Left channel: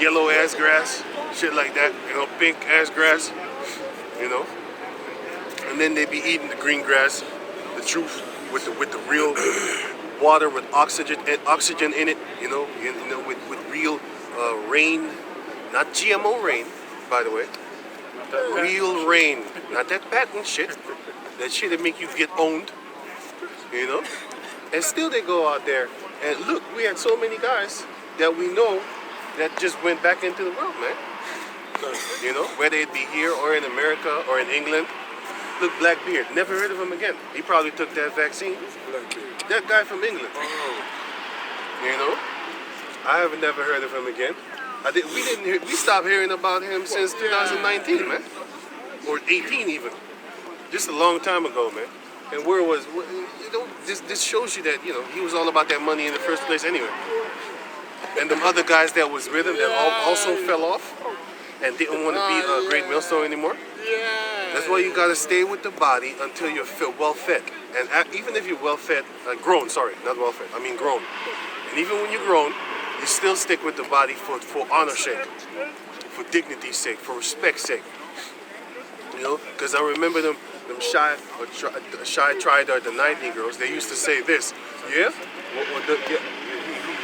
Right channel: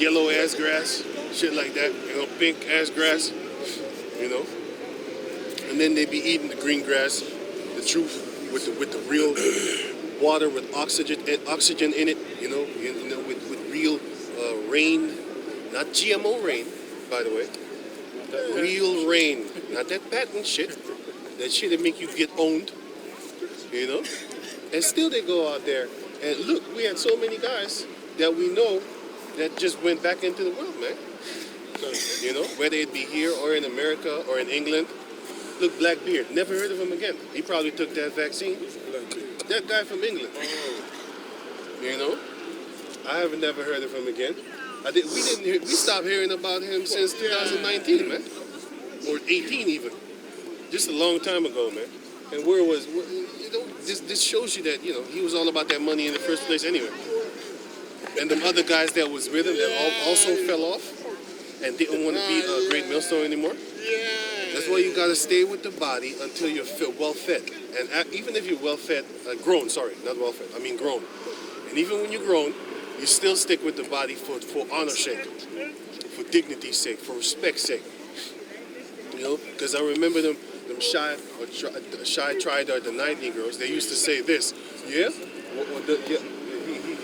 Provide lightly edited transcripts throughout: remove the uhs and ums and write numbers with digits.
yellow ass grass, shit like that, pink ass grass, you know. And then they be eating the green grass, the truth, with the real water with oxygen in it, with real rain, not GMO rain, by the way. Real rain, not that patent shit. That shit that make you get owned, you know. And still they go out there and look, we had so many guys that we know that just went back into the world, man. You know, whether it be here or in America or in England. Look, Blackbeard, never heard of him again. He probably took that vaccine. That guy from England. You know, I have never heard of him again. We stopped hearing about him since 2019, man, or 18 even. Just a long time ago, man. And where was, this shows you that, he was all about that money in the first place anyway. And them other guys that was with him that also fell off and didn't want to be a great millstone anymore. That's why you gotta stay with the body until you're well fed. And even if you're well fed, grown, sorry, not well fed, I mean grown. And even when you're grown, you still stick with the body for honor's sake, for dignity's sake, for respect's sake. You know, because I remember them shy tried the night Negroes. They used to say this, yeah.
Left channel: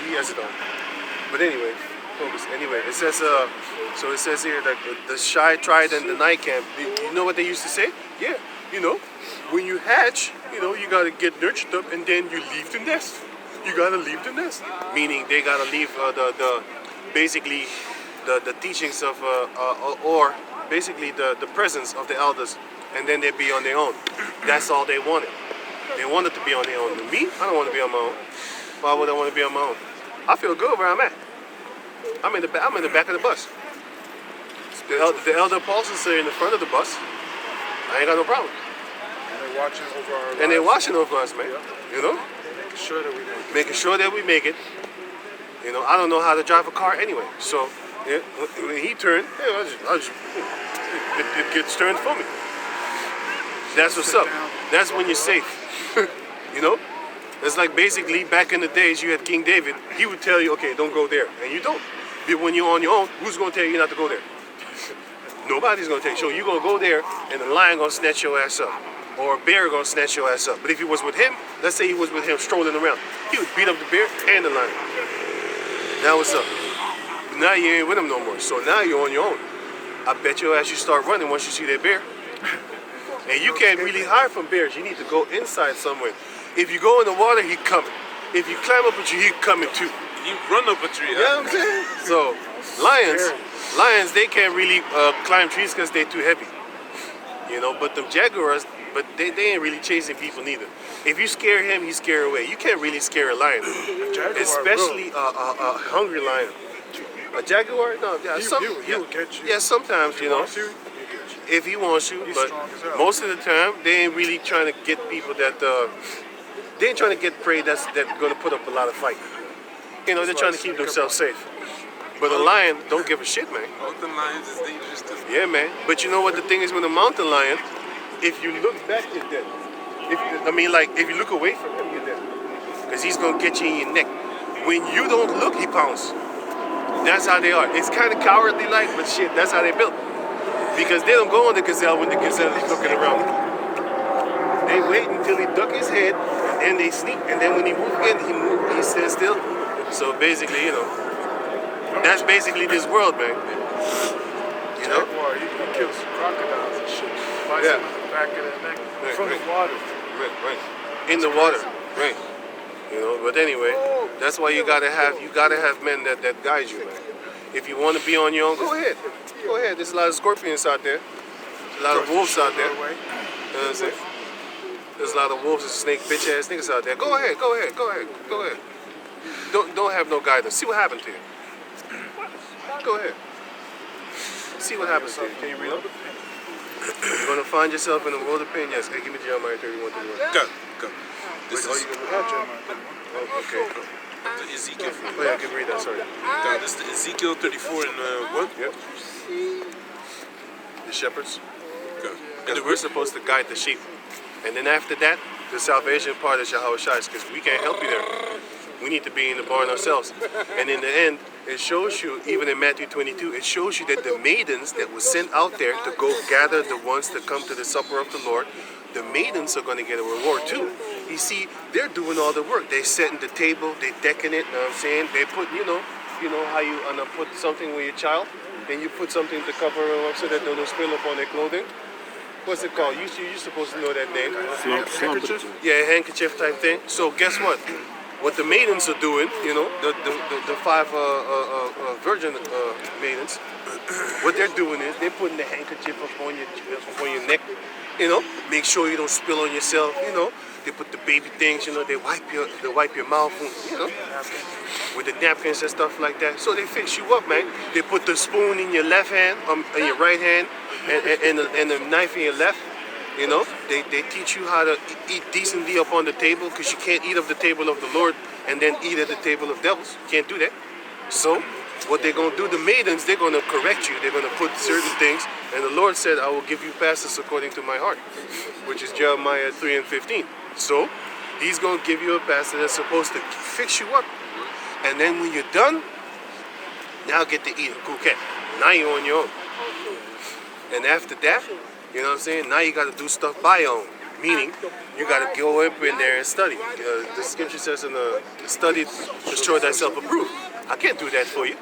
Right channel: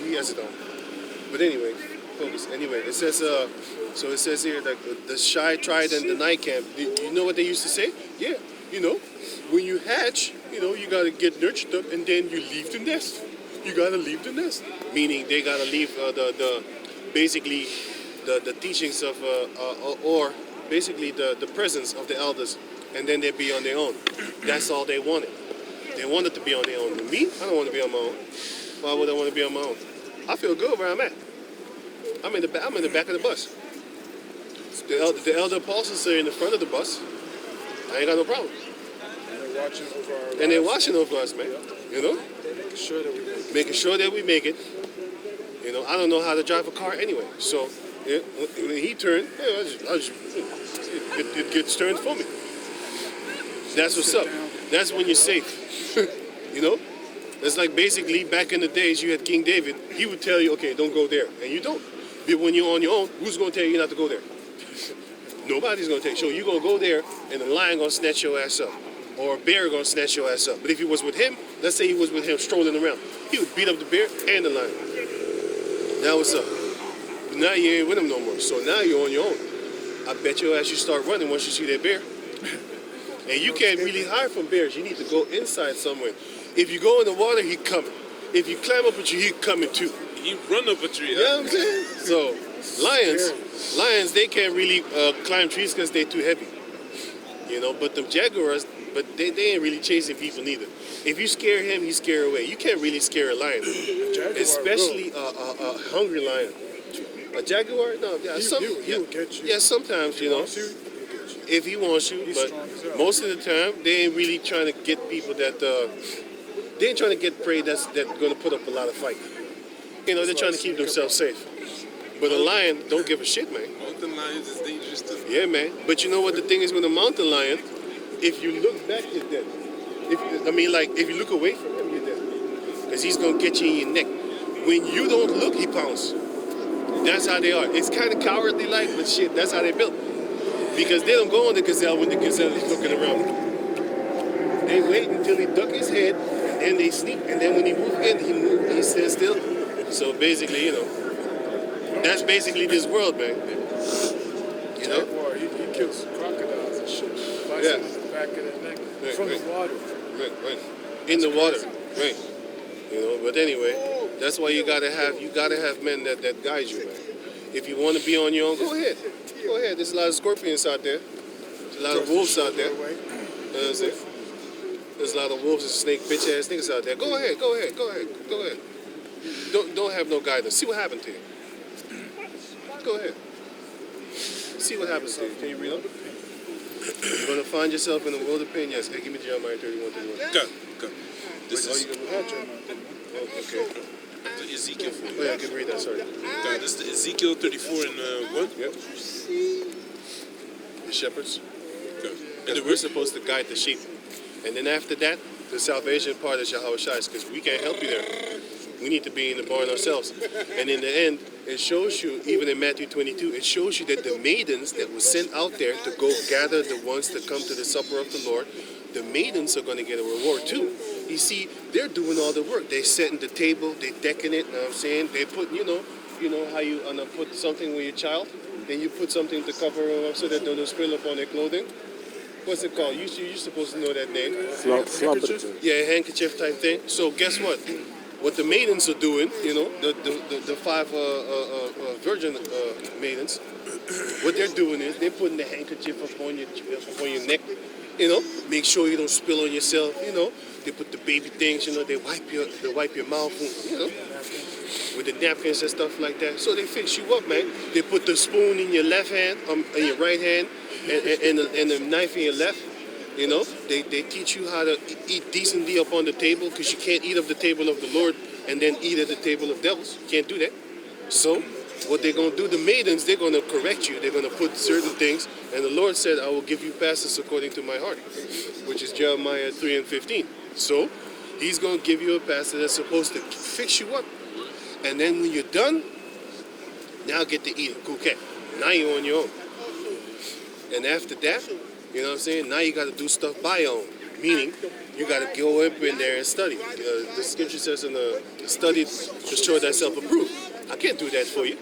He has it on. But anyway, focus. Anyway, it says so it says here that the shy tried in the night camp. You know what they used to say? Yeah. You know, when you hatch, you gotta get nurtured up, and then you leave the nest. You gotta leave the nest. Meaning they gotta leave basically the teachings of or basically the presence of the elders, and then they'd be on their own. That's all they wanted. They wanted to be on their own. Me, I don't want to be on my own. Why would I want to be on my own? I feel good where I'm at. I'm in the back of the bus. The elder apostles are in the front of the bus. I ain't got no problem. And they're watching over our lives. And they're watching over us, man. You know? Making sure that we make it. Making sure that we make it. You know, I don't know how to drive a car anyway. So when he turned, it gets turned for me. That's what's up. That's when you're safe. You know? It's like basically back in the days you had King David, he would tell you, okay, don't go there. And you don't. But when you're on your own, who's going to tell you not to go there? Nobody's going to tell you. So you're going to go there and the lion going to snatch your ass up. Or a bear going to snatch your ass up. But if he was with him, let's say he was with him strolling around, he would beat up the bear and the lion. Now what's up? Now you ain't with him no more. So now you're on your own. I bet your ass you start running once you see that bear. And you can't really hide from bears. You need to go inside somewhere. If you go in the water, he coming. If you climb up a tree, he coming too. You run up a tree. You know what I'm saying? So lions, they can't really climb trees because they're too heavy. You know, but them jaguars, but they ain't really chasing people neither. If you scare him, he scare away. You can't really scare a lion, especially a hungry lion. A jaguar, no, yeah, he will get you. Yeah, sometimes you know. If he wants you, but most of the time they ain't really trying to get people that they ain't trying to get prey that's going to put up a lot of fight. You know, they're trying to keep themselves safe. But a lion don't give a shit, man. Mountain lions is dangerous too. Yeah, man. But you know what the thing is with a mountain lion? If you look back, you're dead. If you look away from him, you're dead. Because he's going to get you in your neck. When you don't look, he pounces. That's how they are. It's kind of cowardly like, but shit, that's how they built. Because they don't go on the gazelle when the gazelle is looking around. They wait until he duck his head, and then they sneak, and then when he moves again, he stands still. So basically, you know, that's basically this world, man. You know? Jaguar, he kills crocodiles and shit. Bites him in the back of the neck from the water. Right. In the water. Right. You know, but anyway, that's why you gotta have men that guide you, man. If you want to be on your own, go ahead. Go ahead. There's a lot of scorpions out there. There's a lot of wolves out there. You know what I'm saying? There's a lot of wolves and snake bitch ass niggas out there. Go ahead. Don't have no guidance. See what happened to you. Go ahead. See what happens to you. Can you read up? You're gonna find yourself in a world of pain. Yes. Hey, give me Jeremiah 31:31. Go. This is okay. the Ezekiel. Oh yeah, I can read that. Sorry. God, this is the Ezekiel 34 and 1. Yep. The shepherds. Go. Because we're supposed to guide the sheep. And then after that, the salvation part is Yahweh Shai's, because we can't help you there. We need to be in the barn ourselves. And in the end, it shows you, even in Matthew 22, it shows you that the maidens that were sent out there to go gather the ones that come to the supper of the Lord, the maidens are going to get a reward too. You see, they're doing all the work. They're setting the table, they're decking it, you know what I'm saying? They put, you know how you put something with your child, then you put something to cover them up so that they don't spill upon their clothing. What's it called? You're supposed to know that name. Handkerchief? Yeah, handkerchief type thing. So guess what? What the maidens are doing, you know, the five virgin maidens, what they're doing is they're putting the handkerchief upon your neck, you know, make sure you don't spill on yourself, you know. They put the baby things, you know, they wipe your mouth, you know, with the napkins and stuff like that. So they fix you up, man. They put the spoon in your left hand, in your right hand, and the knife in your left. You know, they teach you how to eat decently up on the table, because you can't eat of the table of the Lord and then eat at the table of devils. You can't do that. So what they're going to do, the maidens, they're going to correct you. They're going to put certain things. And the Lord said, I will give you pastors according to my heart, which is Jeremiah 3:15. So he's going to give you a pastor that's supposed to fix you up. And then when you're done, now get to eat a Now you're on your own. And after that, you know what I'm saying? Now you got to do stuff by your own. Meaning, you got to go up in there and study. The scripture says in the study to show thyself approved. I can't do that for you.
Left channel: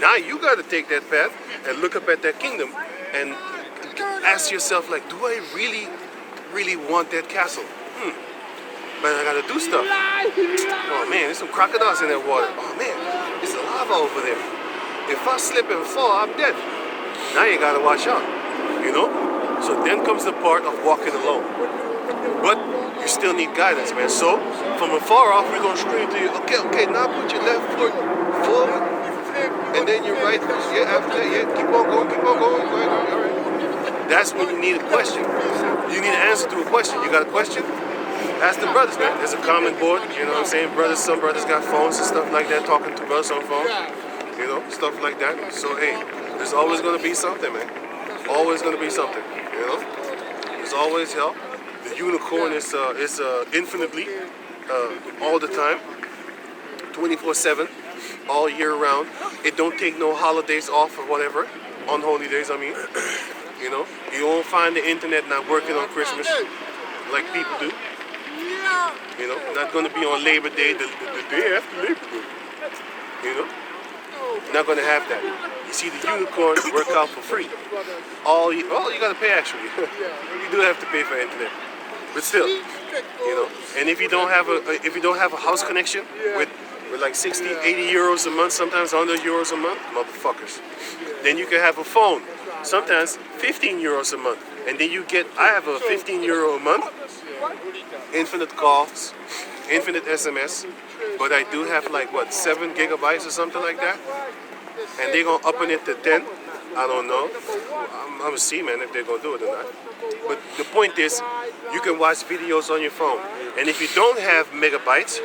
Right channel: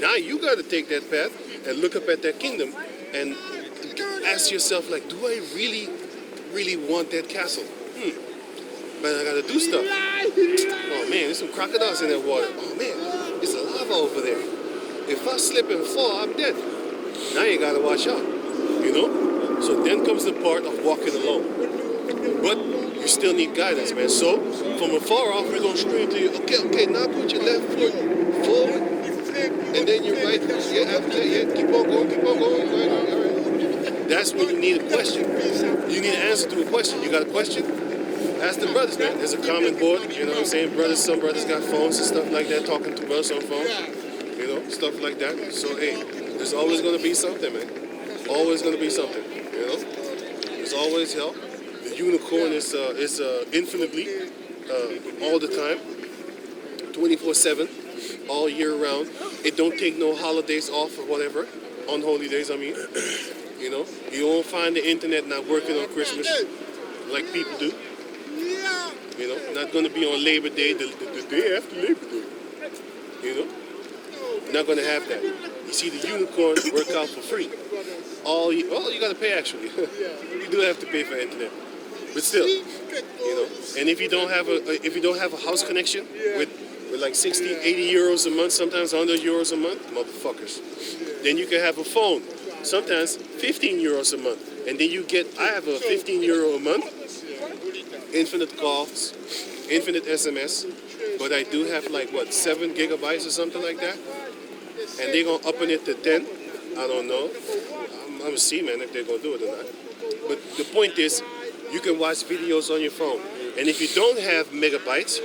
Now you got to take that path and look up at that kingdom and ask yourself, like, do I really, really want that castle? Man, I got to do stuff. Oh man, there's some crocodiles in that water. Oh man, there's a lava over there. If I slip and fall, I'm dead. Now you got to watch out, you know? So then comes the part of walking alone. But you still need guidance, man. So from afar off, we're going to scream to you, okay, now put your left foot forward, and then your right foot, after that, keep on going, right, all right. That's when you need a question. You need an answer to a question. You got a question? Ask the brothers, man. There's a common board, you know what I'm saying? Some brothers got phones and stuff like that, talking to brothers on phone, you know, stuff like that. So, hey, there's always going to be something, man. Always going to be something, you know? There's always help. The unicorn is infinitely, all the time, 24/7, all year round. It don't take no holidays off or whatever, on holy days, I mean. You know, you won't find the internet not working on Christmas like people do. You know, not going to be on Labor Day, the day after Labor Day. You know, not going to have that. You see, the unicorn work out for free. You got to pay actually. You do have to pay for internet, but still, you know. And if you don't have a house connection with like 60, 80 euros a month, sometimes 100 euros a month, motherfuckers, then you can have a phone. Sometimes 15 euros a month, and then I have a 15 euro a month, infinite calls, infinite SMS, but I do have like 7 gigabytes or something like that, and they're gonna up it to 10. I don't know. I'm gonna see, man, if they're gonna do it or not. But the point is, you can watch videos on your phone, and if you don't have megabytes,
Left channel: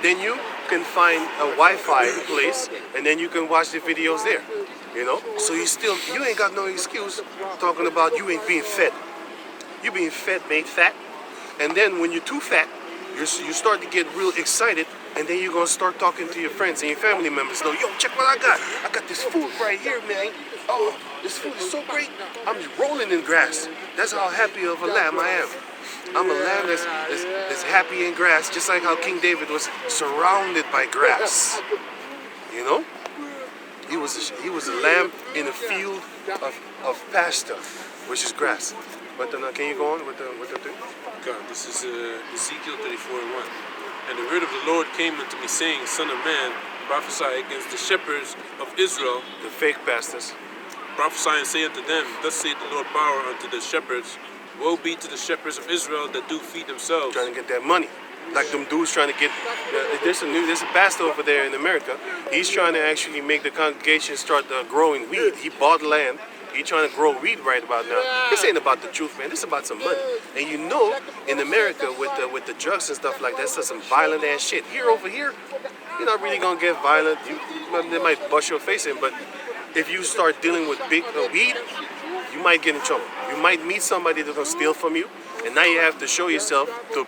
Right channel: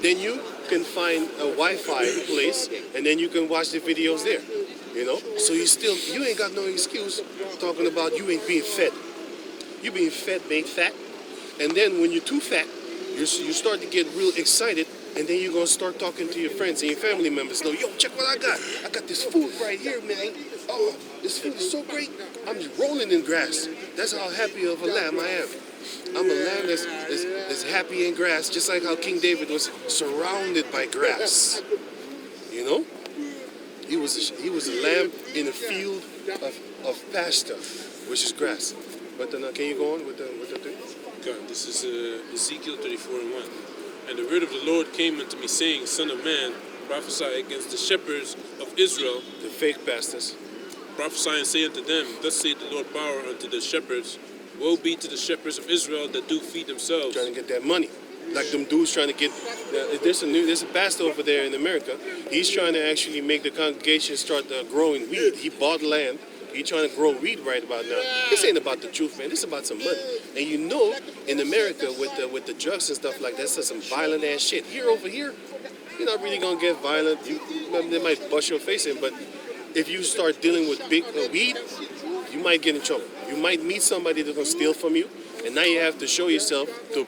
then you can find a Wi-Fi place, and then you can watch the videos there. You know, so you ain't got no excuse talking about you ain't being fed. You being fed, made fat, and then when you're too fat, you start to get real excited, and then you're gonna start talking to your friends and your family members. Yo, check what I got. I got this food right here, man. Oh, this food is so great. I'm just rolling in grass. That's how happy of a lamb I am. I'm a lamb that's happy in grass, just like how King David was surrounded by grass. You know? He was a lamb in a field of pasture, which is grass. But then, can you go on with the thing? God, this is Ezekiel 34:1. And the word of the Lord came unto me, saying, Son of man, prophesy against the shepherds of Israel. The fake pastors. Prophesy and say unto them, Thus saith the Lord power unto the shepherds. Woe be to the shepherds of Israel that do feed themselves. Trying to get that money. Like them dudes trying to get, there's a pastor over there in America. He's trying to actually make the congregation start growing weed. He bought land. He's trying to grow weed right about now. This ain't about the truth, man. This is about some money. And you know, in America with the drugs and stuff like that, that's some violent ass shit. Over here, you're not really gonna get violent. They might bust your face in, but if you start dealing with big weed, you might get in trouble. You might meet somebody that's gonna steal from you, and now you have to show yourself to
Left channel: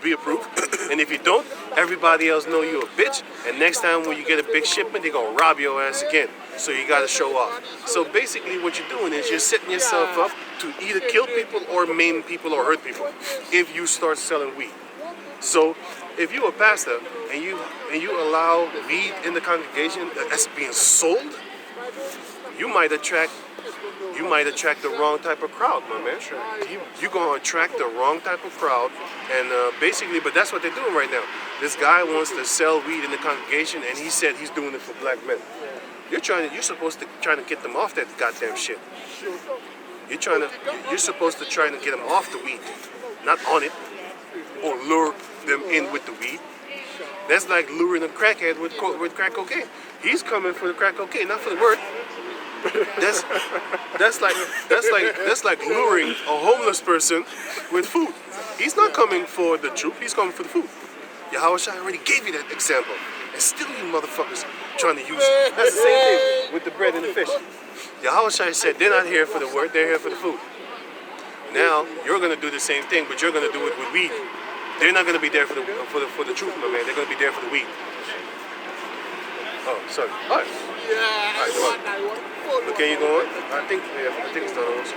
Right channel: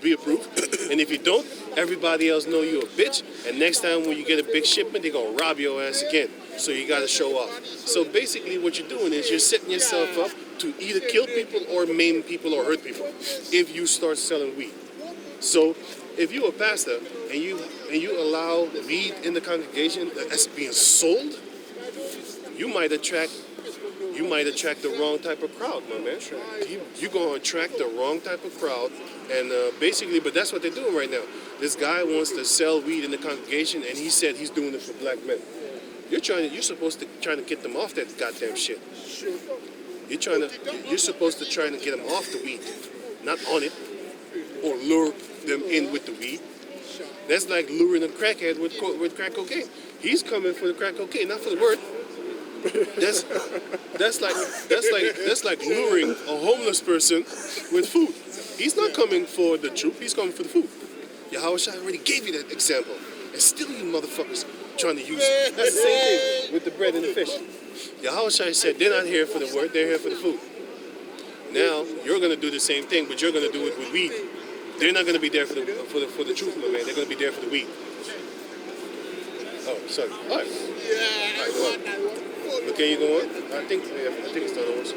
be approved. And if you don't, everybody else know you a bitch. And next time when you get a big shipment, they're gonna rob your ass again. So you gotta show off. So basically what you're doing is you're setting yourself up to either kill people or maim people or hurt people if you start selling weed. So if you're a pastor and you allow weed in the congregation that's being sold, you might attract the wrong type of crowd, my man. You're gonna attract the wrong type of crowd, and basically, but that's what they're doing right now. This guy wants to sell weed in the congregation, and he said he's doing it for black men. You're supposed to try to get them off that goddamn shit. You're supposed to try to get them off the weed, not on it, or lure them in with the weed. That's like luring a crackhead with crack cocaine. He's coming for the crack cocaine, not for the word. That's like luring a homeless person with food. He's not coming for the truth. He's coming for the food. Yahushua already gave you that example, and still you motherfuckers trying to use it. That's the same thing with the bread and the fish. Yahushua said they're not here for the word. They're here for the food. Now you're gonna do the same thing, but you're gonna do it with weed. They're not gonna be there for the truth, my man. They're gonna be there for the weed. Oh, sorry. All right. All right, well. Okay, you going? I think it's done almost.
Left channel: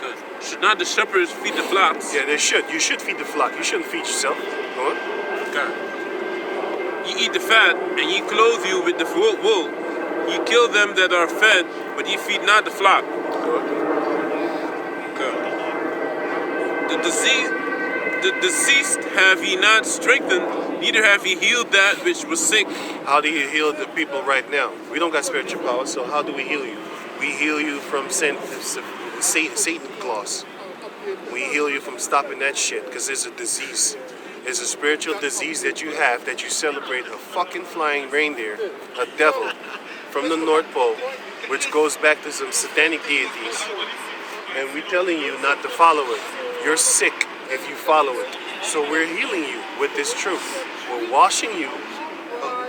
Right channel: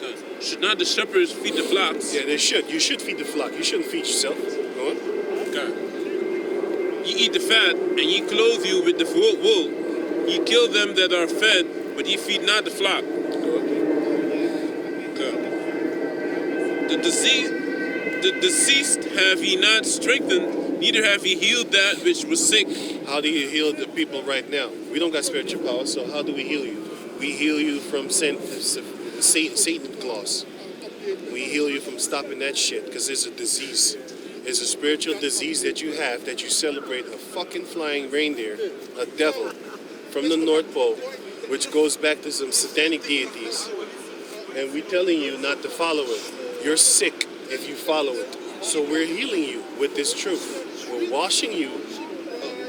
Good. Should not the shepherds feed the flocks? Yeah, they should. You should feed the flock. You shouldn't feed yourself. Go on. Okay. You eat the fat, and ye clothe you with the wool. Ye kill them that are fed, but ye feed not the flock. Okay. The deceased have ye not strengthened, neither have ye healed that which was sick. How do you heal the people right now? We don't got spiritual power, so how do we heal you? We heal you from Satan claws. We heal you from stopping that shit, because it's a disease. It's a spiritual disease that you have, that you celebrate a fucking flying reindeer, a devil, from the North Pole, which goes back to some satanic deities. And we're telling you not to follow it. You're sick if you follow it. So we're healing you with this truth. We're washing you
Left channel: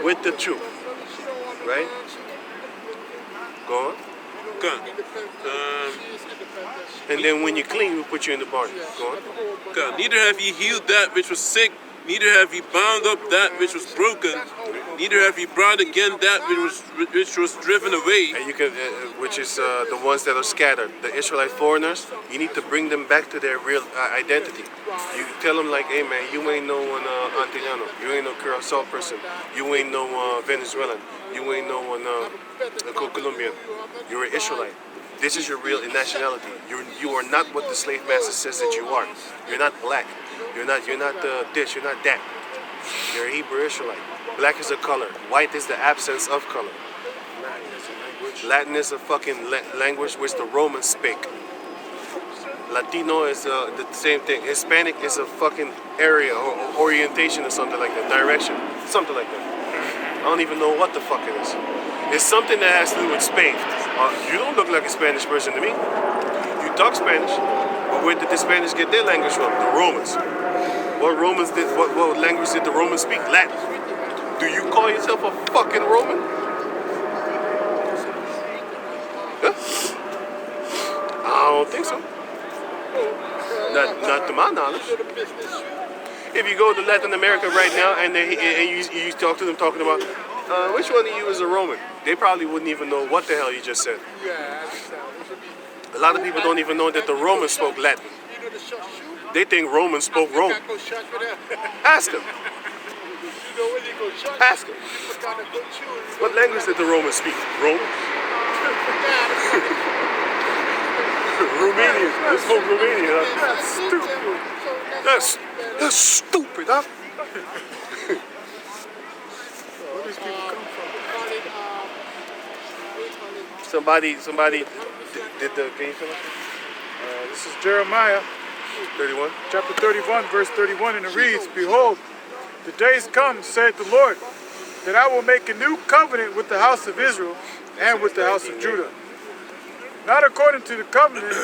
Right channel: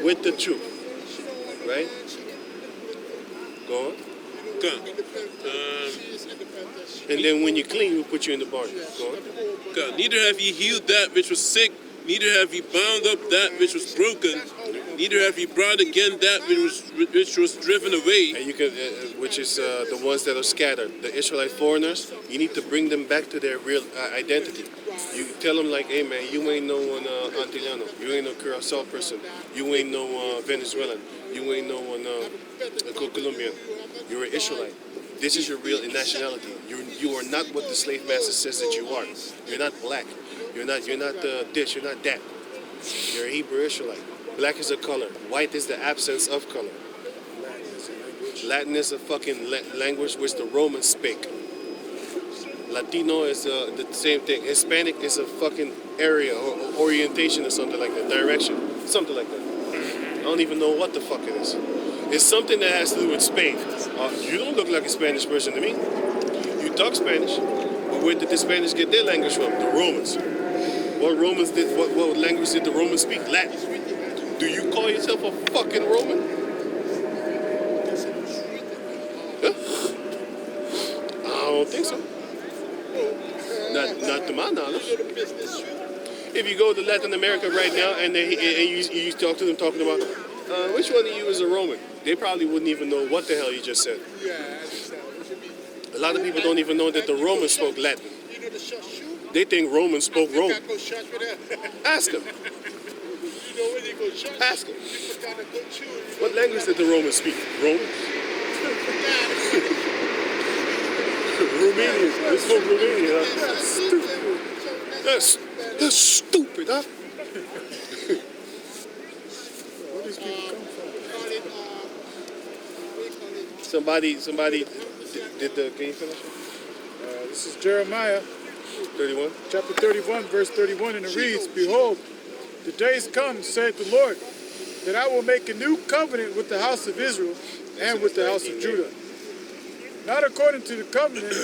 with the truth. Right? Go on. Good. And then when you're clean, we'll put you in the barn. Go on. Good. Neither have ye healed that which was sick, neither have ye bound up that which was broken, neither have ye brought again that which was driven away. And you can, which is the ones that are scattered, the Israelite foreigners. You need to bring them back to their real identity. You tell them like, hey man, you ain't no one Antillano, you ain't no Curacao person, you ain't no Venezuelan, you ain't no one Colombian. You're an Israelite. This is your real nationality. You are not what the slave master says that you are. You're not black. You're not this. You're not that. You're a Hebrew Israelite. Black is a color. White is the absence of color. Latin is a fucking language which the Romans speak. Latino is the same thing. Hispanic is a fucking area or orientation or something like that. Direction. Something like that. I don't even know what the fuck it is. It's something that has to do with Spain. You don't look like a Spanish person to me. You talk Spanish, but where did the Spanish get their language from? The Romans. What language did the Romans speak? Latin. Do you call yourself a fucking Roman? Huh? I don't think so. Not to my knowledge. If you go to Latin America right now and you talk to them talking about which one of you is a Roman, they probably wouldn't even know what the hell you just said. A lot of people don't even know that the Romans spoke Latin. They think Romans spoke Rome. Ask them. Ask them. What language did the Romans speak? Romans? Romanian. They spoke Romanian, huh? That's stupid. That's stupid, huh? Where do these people come from? Somebody did the, can you finish it? This is Jeremiah 31. chapter 31, verse 31, and it reads, Behold, the days come, saith the Lord, that I will make a new covenant with the house of Israel and with the house of Judah. Not according to the covenant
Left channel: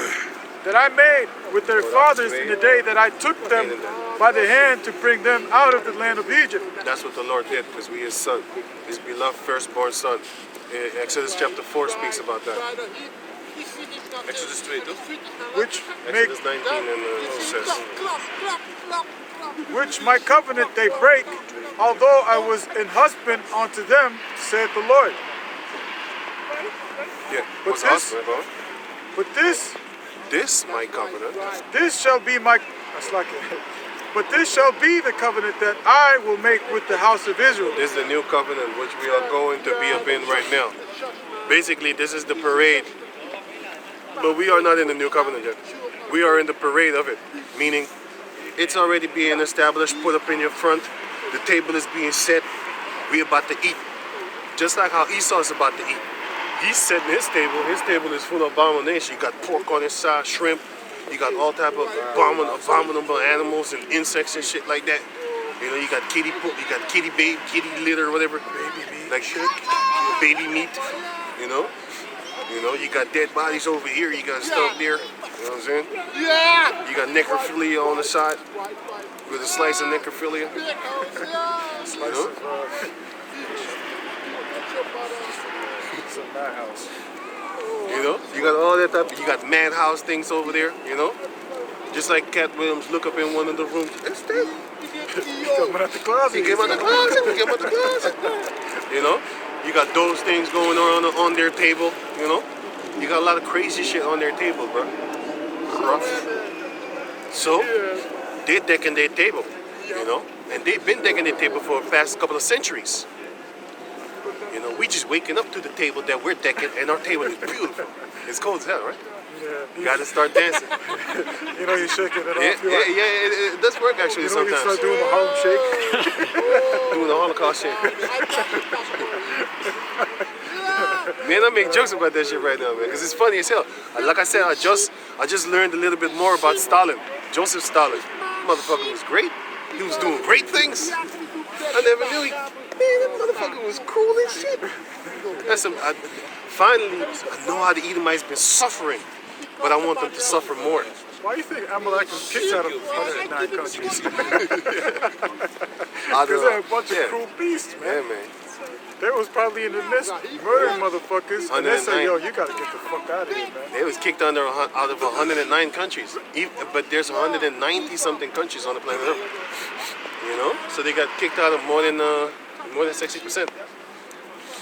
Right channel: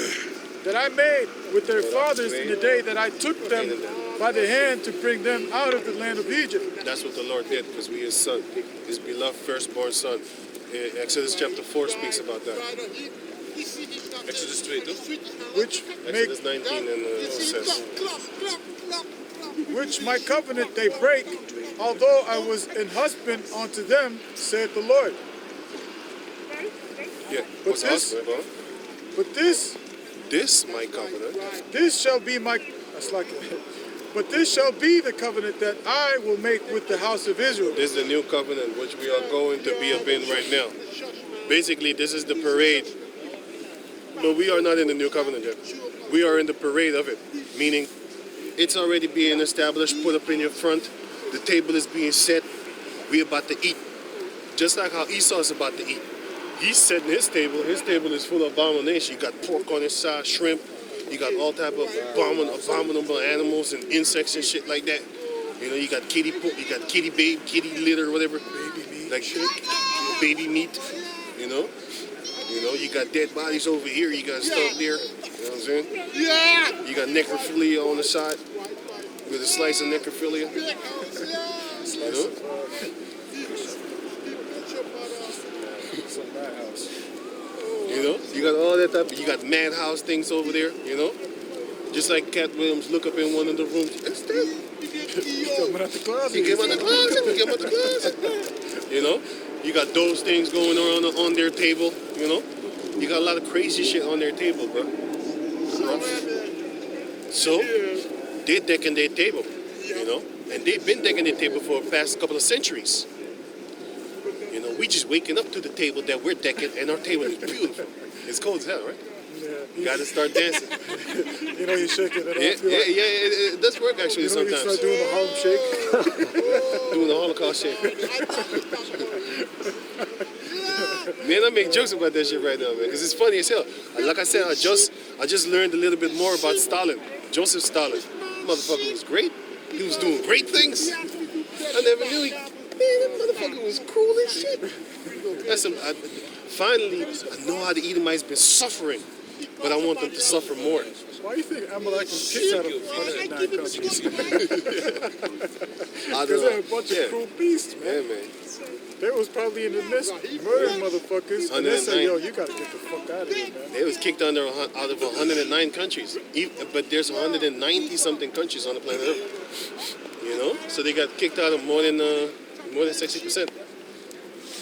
that I made with their fathers in the day that I took them by the hand to bring them out of the land of Egypt. That's what the Lord did, because we his son, his beloved firstborn son. Exodus chapter 4 speaks about that. Exodus 2, toch? which make Exodus 19 and it says, which my covenant they break, although I was an husband unto them, said the Lord. yeah, But what's this- husband, bro? But This my covenant. this shall be my that's like it. But this shall be the covenant that I will make with the house of Israel. This is the new covenant which we are going to be up in right now. Basically, this is the parade, but we are not in the new covenant yet. We are in the parade of it, meaning it's already being established, put up in your front. The table is being set. We about to eat, just like how Esau is about to eat. He's setting his table. His table is full of abomination. You got pork on his side, shrimp. You got all type of abominable animals and insects and shit like that. You know, you got kitty litter, or whatever, baby meat, like shit, baby meat. You know, you got dead bodies over here. You got stuff there. You know what I'm saying? Yeah. You got necrophilia on the side with a slice of necrophilia. Slice know? of it's a madhouse. You know, you got all that type. You got madhouse things over there. You know, just like Cat Williams look up in one of the rooms. It's there. Coming out the closet. He came out the closet. He came out the closet. You know, you got those things going on their table. You know, you got a lot of crazy shit on their table, bro. So they're decking their table. You know, and they've been decking their table for the past couple of centuries. You know, we just waking up to the table that we're decking, and our table is beautiful. It's cold as hell, right? Yeah. You gotta start dancing. You know, you're shaking it off. Yeah, You're like, it does work actually you know, you sometimes. start doing the Harlem Shake. Doing the Holocaust shit. Man, I make jokes about that shit right now, man, because it's funny as hell. Like I said, I just learned a little bit more about Stalin, Joseph Stalin. Motherfucker was great. He was doing great things. I never knew he. Man, that motherfucker was cool as shit. Finally, I know how the Edomites been suffering, but I want them to suffer more. Why do you think Amalek was kicked out of 109 countries? I Because don't they're a know. bunch of cruel beasts, man. Yeah, man. They was probably in the midst murdering motherfuckers, and they said, 109. yo, you gotta get the fuck out of here, man. They was kicked out of 109 countries, but there's 190 something countries on the planet Earth. You know, so they got kicked out of more than 60%.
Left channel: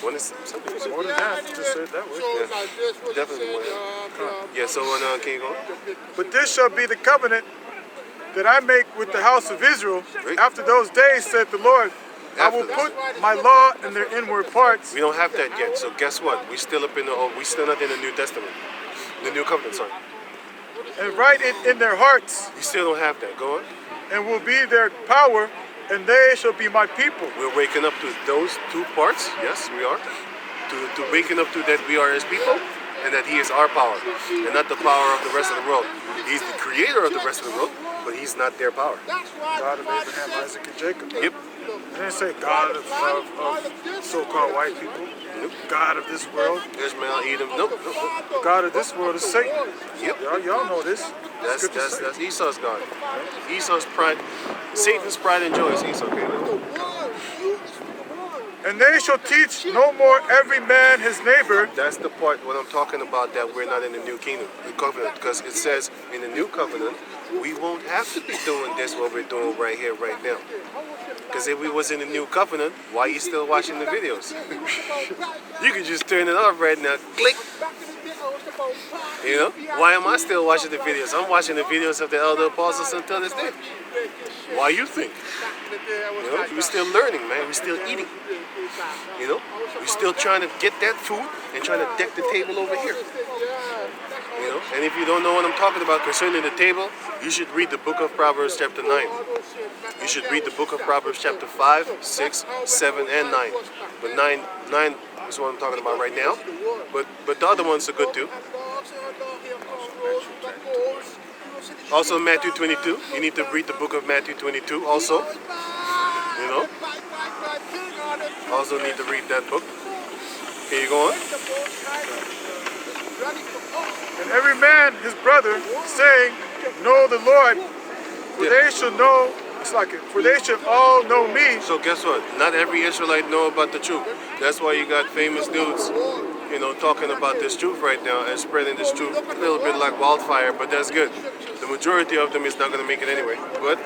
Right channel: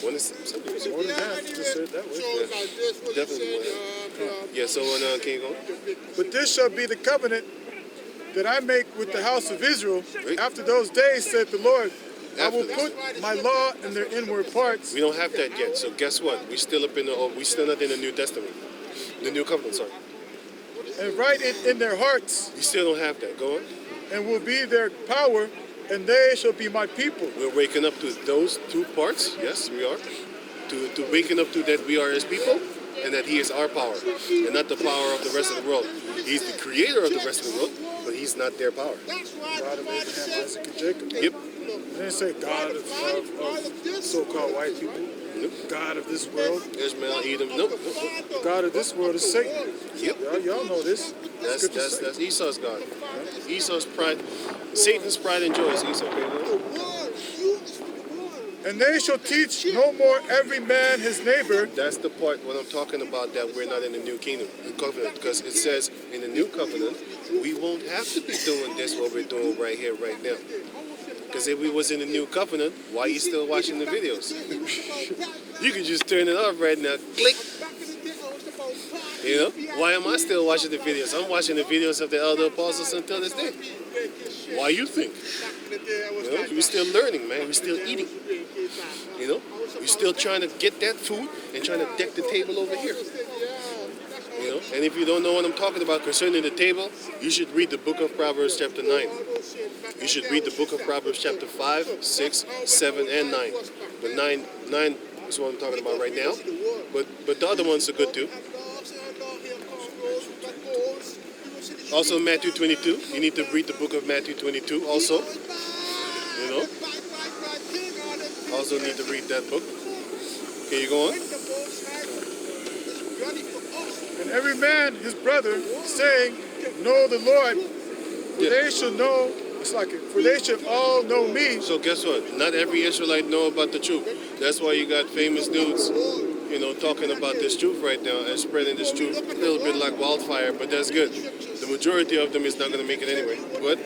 More than 70%. More than half, just say it that way. Yeah, definitely more than. Yeah. So can you go? But this shall be the covenant that I make with the house of Israel. Right. After those days, said the Lord, I will After put my law in their inward parts. We don't have that yet. So guess what? We still not in the New Testament, the New Covenant. Sorry. And write it in their hearts, We still don't have that. Go on. and will be their power, and they shall be my people. We're waking up to those two parts. Yes, we are. To waking up to that we are His people, and that He is our power, and not the power of the rest of the world. He's the creator of the rest of the world, but He's not their power. God of Abraham, Isaac, and Jacob. Yep. They didn't say God of so-called white people. Nope. God of this world. Ishmael, Edom. Nope. Nope. God of this world is Satan. Yep. Y'all know this. That's Esau's God. Esau's pride. Satan's pride and joy is Esau. Okay. And they shall teach no more every man his neighbor. That's the part when I'm talking about that we're not in the new kingdom, the covenant, because it says in the new covenant we won't have to be doing this what we're doing right here, right now. Because if we was in the new covenant, why are you still watching the videos? You can just turn it off right now. Click. You know? Why am I still watching the videos? I'm watching the videos of the elder apostles until this day. Why you think? You know, we're still learning, man. We're still eating. You know? We're still trying to get that food and trying to deck the table over here. You know? And if you don't know what I'm talking about concerning the table, you should read the book of Proverbs chapter 9. You should read the book of Proverbs chapter 5, 6, 7, and 9. But 9 is what I'm talking about right now. But the other ones are good too. Also Matthew 22. You need to read the book of Matthew 22 also. You know? Also need to read that book. Can you go on? And every man his brother, saying, Know the Lord, for they shall know. It's like it. For they shall all know me. So guess what? Not every Israelite know about the truth. That's why you got famous dudes talking about this truth right now and spreading this truth a little bit like wildfire, but that's good. The majority of them is not going to make it anyway. But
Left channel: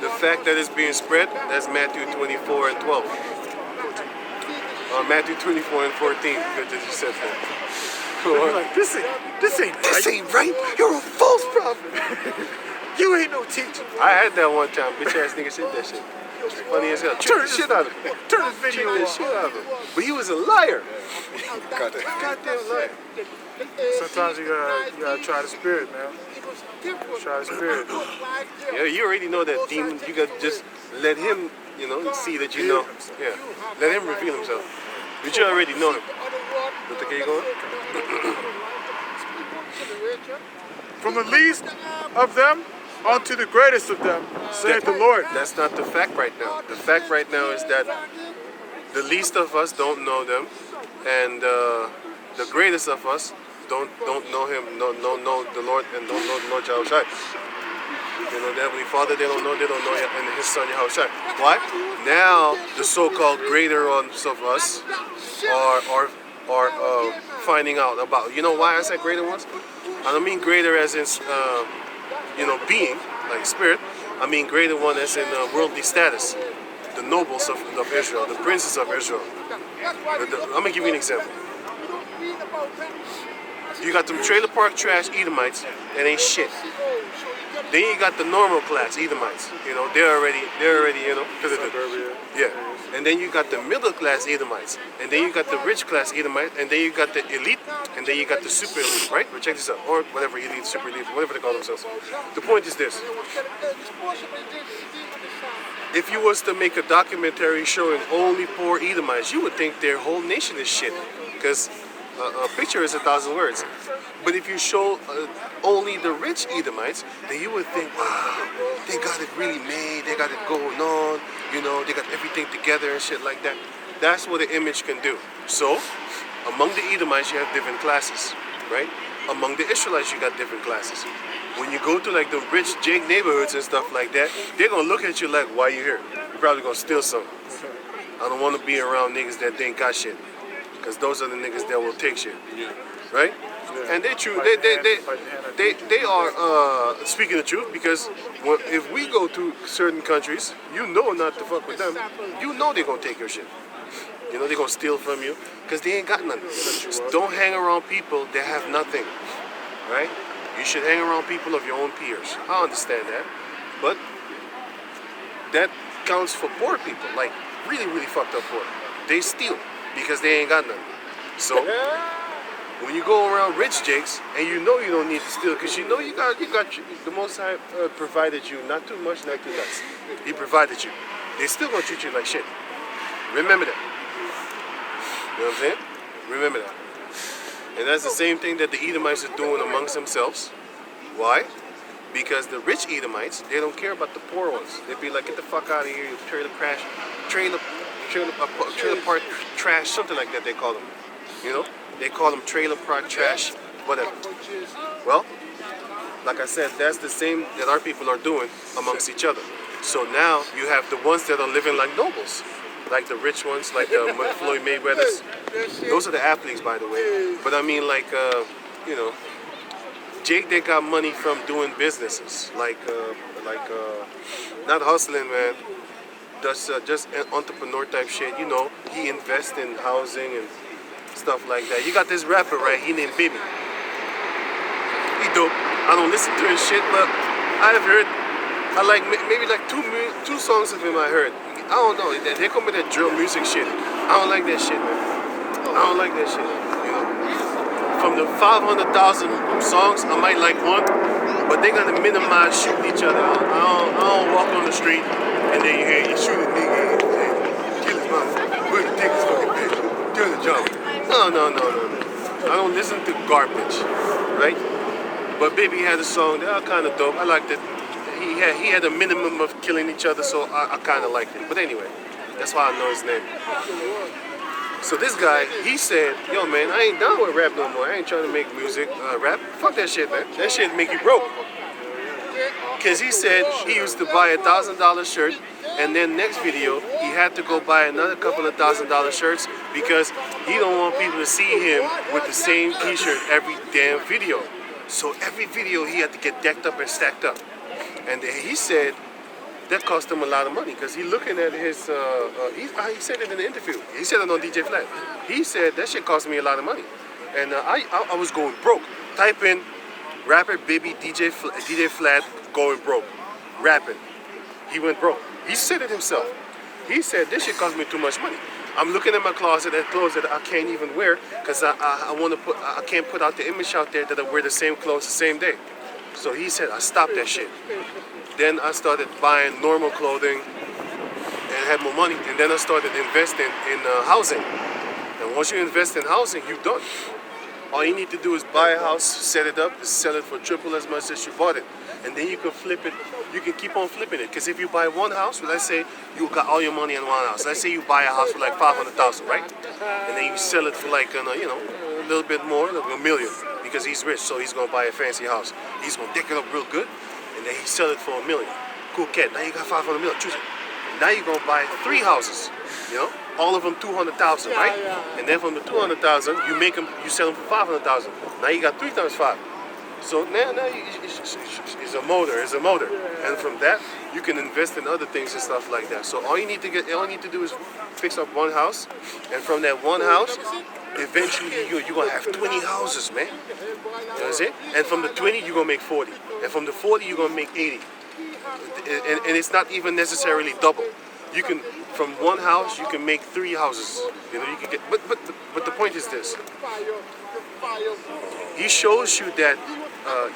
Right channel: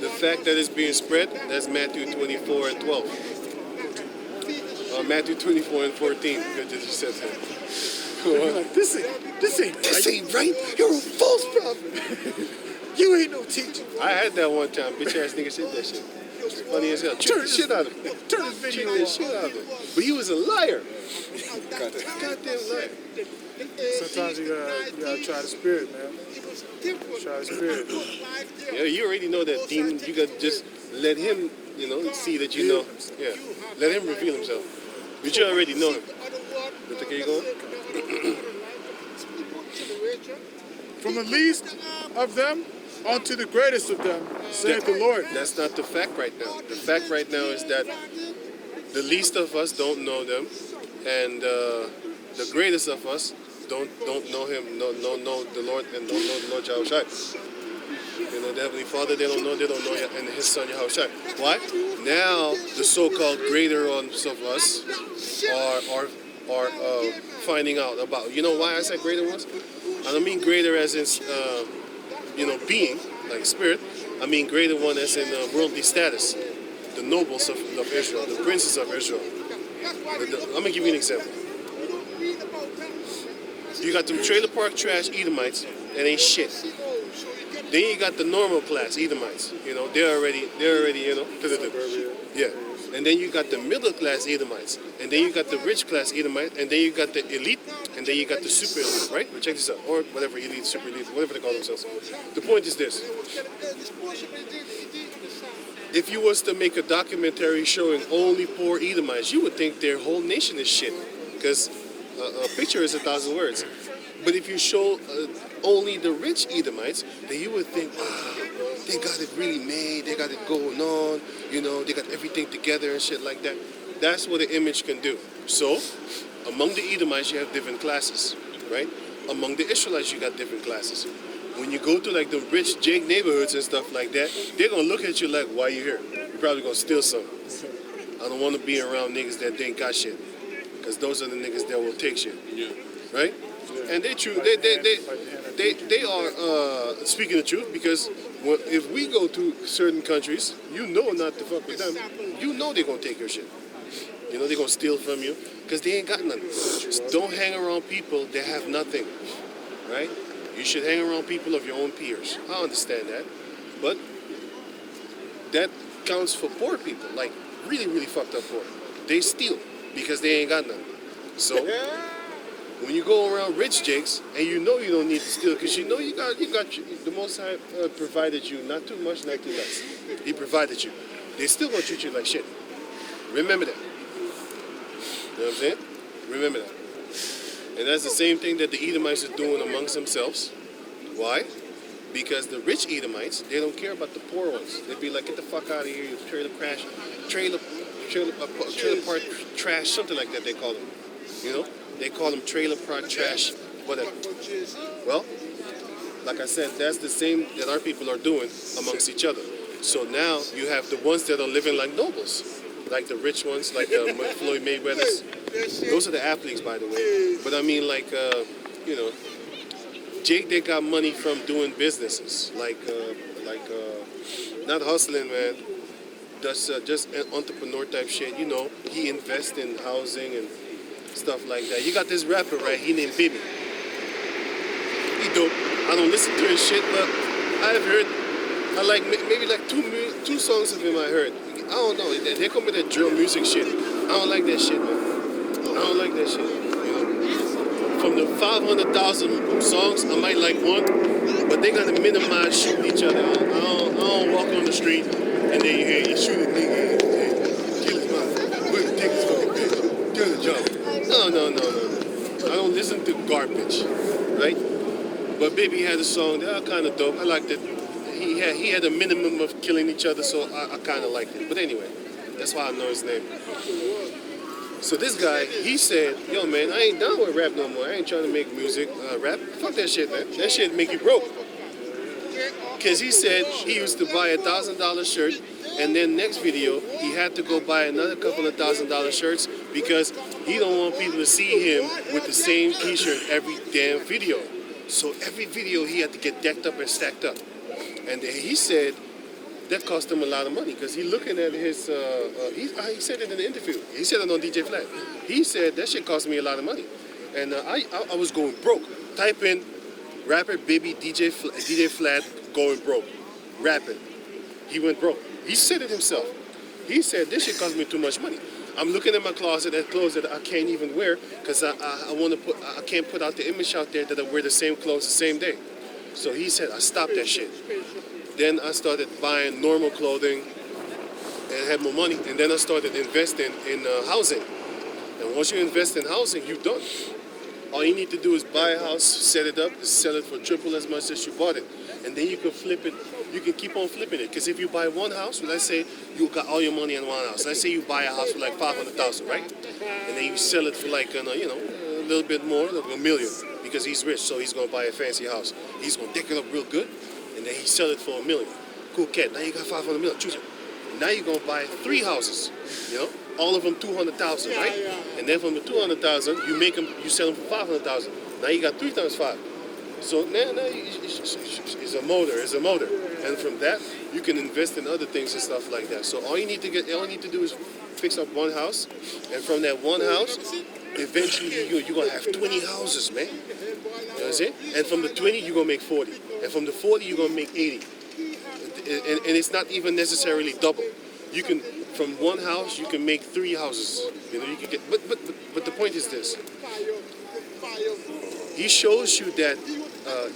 the fact that it's being spread, that's Matthew 24 and 12. Matthew 24 and 14. Good that you said that. You're like, this ain't right. You're a false prophet. You ain't no teacher. I had that one time. Bitch ass nigga said that shit. Funny as hell. Trick the shit out of him. Turn this video Trick the off. shit out of him. But he was a liar. Goddamn liar. Sometimes you gotta try the spirit, man. Try the spirit. Yeah, you already know that demon. You gotta just let him, see that you know. Yeah. Let him reveal himself. But you already know him. But okay, you going? From the least of them unto the greatest of them, saith the Lord. That's not the fact right now. The fact right now is that the least of us don't know them, and the greatest of us don't know him, know the Lord, and don't know the Lord Yahushua. The Heavenly Father, they don't know and His Son Yahushua. Why? Now the so-called greater ones of us are finding out about. You know why I said greater ones? I don't mean greater as in being, like spirit. I mean greater one as in worldly status. The nobles of Israel, the princes of Israel. I'm going to give you an example. You got them trailer park trash Edomites that ain't shit. Then you got the normal class Edomites. They're already, yeah. And then you got the middle class Edomites. And then you got the rich class Edomites. And then you got the elite. And then you got the super elite, right? But check this out. Or whatever, elite, super elite, whatever they call themselves. The point is this. If you was to make a documentary showing only poor Edomites, you would think their whole nation is shit. Because a picture is 1,000 words. But if you show only the rich Edomites, then you would think, wow, they got it really made, they got it going on, they got everything together and shit like that. That's what an image can do. So, among the Edomites, you have different classes, right? Among the Israelites, you got different classes. When you go to like the rich Jake neighborhoods and stuff like that, they're gonna look at you like, why you here? You're probably gonna steal something. I don't want to be around niggas that ain't got shit, because those are the niggas that will take shit, right? And they are speaking the truth, because if we go to certain countries, not to fuck with them. They're gonna take your shit. They're gonna steal from you because they ain't got nothing. Just don't hang around people that have nothing, right? You should hang around people of your own peers. I understand that, but that counts for poor people, like really, really fucked up poor. They steal because they ain't got nothing. So when you go around rich jakes and you don't need to steal, because you got the Most High provided you, not too much, not too less. He provided you. They still gonna treat you like shit. Remember that. You know what I'm saying? Remember that. And that's the same thing that the Edomites are doing amongst themselves. Why? Because the rich Edomites, they don't care about the poor ones. They'd be like, get the fuck out of here, you trailer park trash, something like that they call them. They call them trailer park trash, whatever. Well, like I said, that's the same that our people are doing amongst each other. So now you have the ones that are living like nobles, like the rich ones, like Floyd Mayweather's. Those are the athletes, by the way. But I mean, like, Jake, they got money from doing businesses, like not hustling, man. That's just an entrepreneur type shit. He invests in housing and stuff like that. You got this rapper, right? He named Baby. He dope. I don't listen to his shit, but I've heard. I like maybe like two songs of him. I heard. I don't know. They come with that drill music shit. I don't like that shit, man. I don't like that shit. From the 500,000 songs, I might like one, but they're gonna minimize shooting each other. I don't walk on the street and then you hear you shoot a nigga and kill his mom. Where's the take his fucking bitch? Do the job. No. I don't listen to garbage, right? But Baby had a song that I kind of dope. I liked it. He had a minimum of killing each other, so I kind of liked it. But anyway, that's why I know his name. So this guy, he said, yo man, I ain't down with rap no more. I ain't trying to make music, rap. Fuck that shit, man. That shit make you broke. Because he said he used to buy $1,000 shirt, and then next video, he had to go buy another couple of $1,000 shirts because he don't want people to see him with the same t-shirt every damn video. So every video he had to get decked up and stacked up. And he said that cost him a lot of money because he looking at his, he said it in the interview. He said it on DJ Flat. He said that shit cost me a lot of money. And I was going broke. Type in rapper baby DJ Flat going broke. Rapping. He went broke. He said it himself. He said this shit cost me too much money. I'm looking at my closet at clothes that I can't even wear because I can't put out the image out there that I wear the same clothes the same day. So he said I stopped that shit. Then I started buying normal clothing and had more money. And then I started investing in housing. And once you invest in housing, you're done. All you need to do is buy a house, set it up, sell it for triple as much as you bought it. And then you can flip it. You can keep on flipping it. Because if you buy one house, let's say you got all your money in one house. Let's say you buy a house for like $500,000, right? And then you sell it for like, a little bit more, like $1 million. Because he's rich, so he's going to buy a fancy house. He's going to deck it up real good. And then he sell it for $1 million. Cool cat. Now you got $500 million. Choose it. Now you're going to buy 3 houses, all of them $200,000, right? And then from the $200,000, you sell them for $500,000. Now you got 3 times 5. So now it's a motor. And from that, you can invest in other things and stuff like that. So all you need to do is fix up one house, and from that one house, eventually you're gonna have 20 houses, man. You know what I'm saying? And from the 20, you're gonna make 40, and from the 40, you're gonna make 80. And it's not even necessarily double. You can, from one house, you can make 3 houses. You can get. But the point is this. He shows you that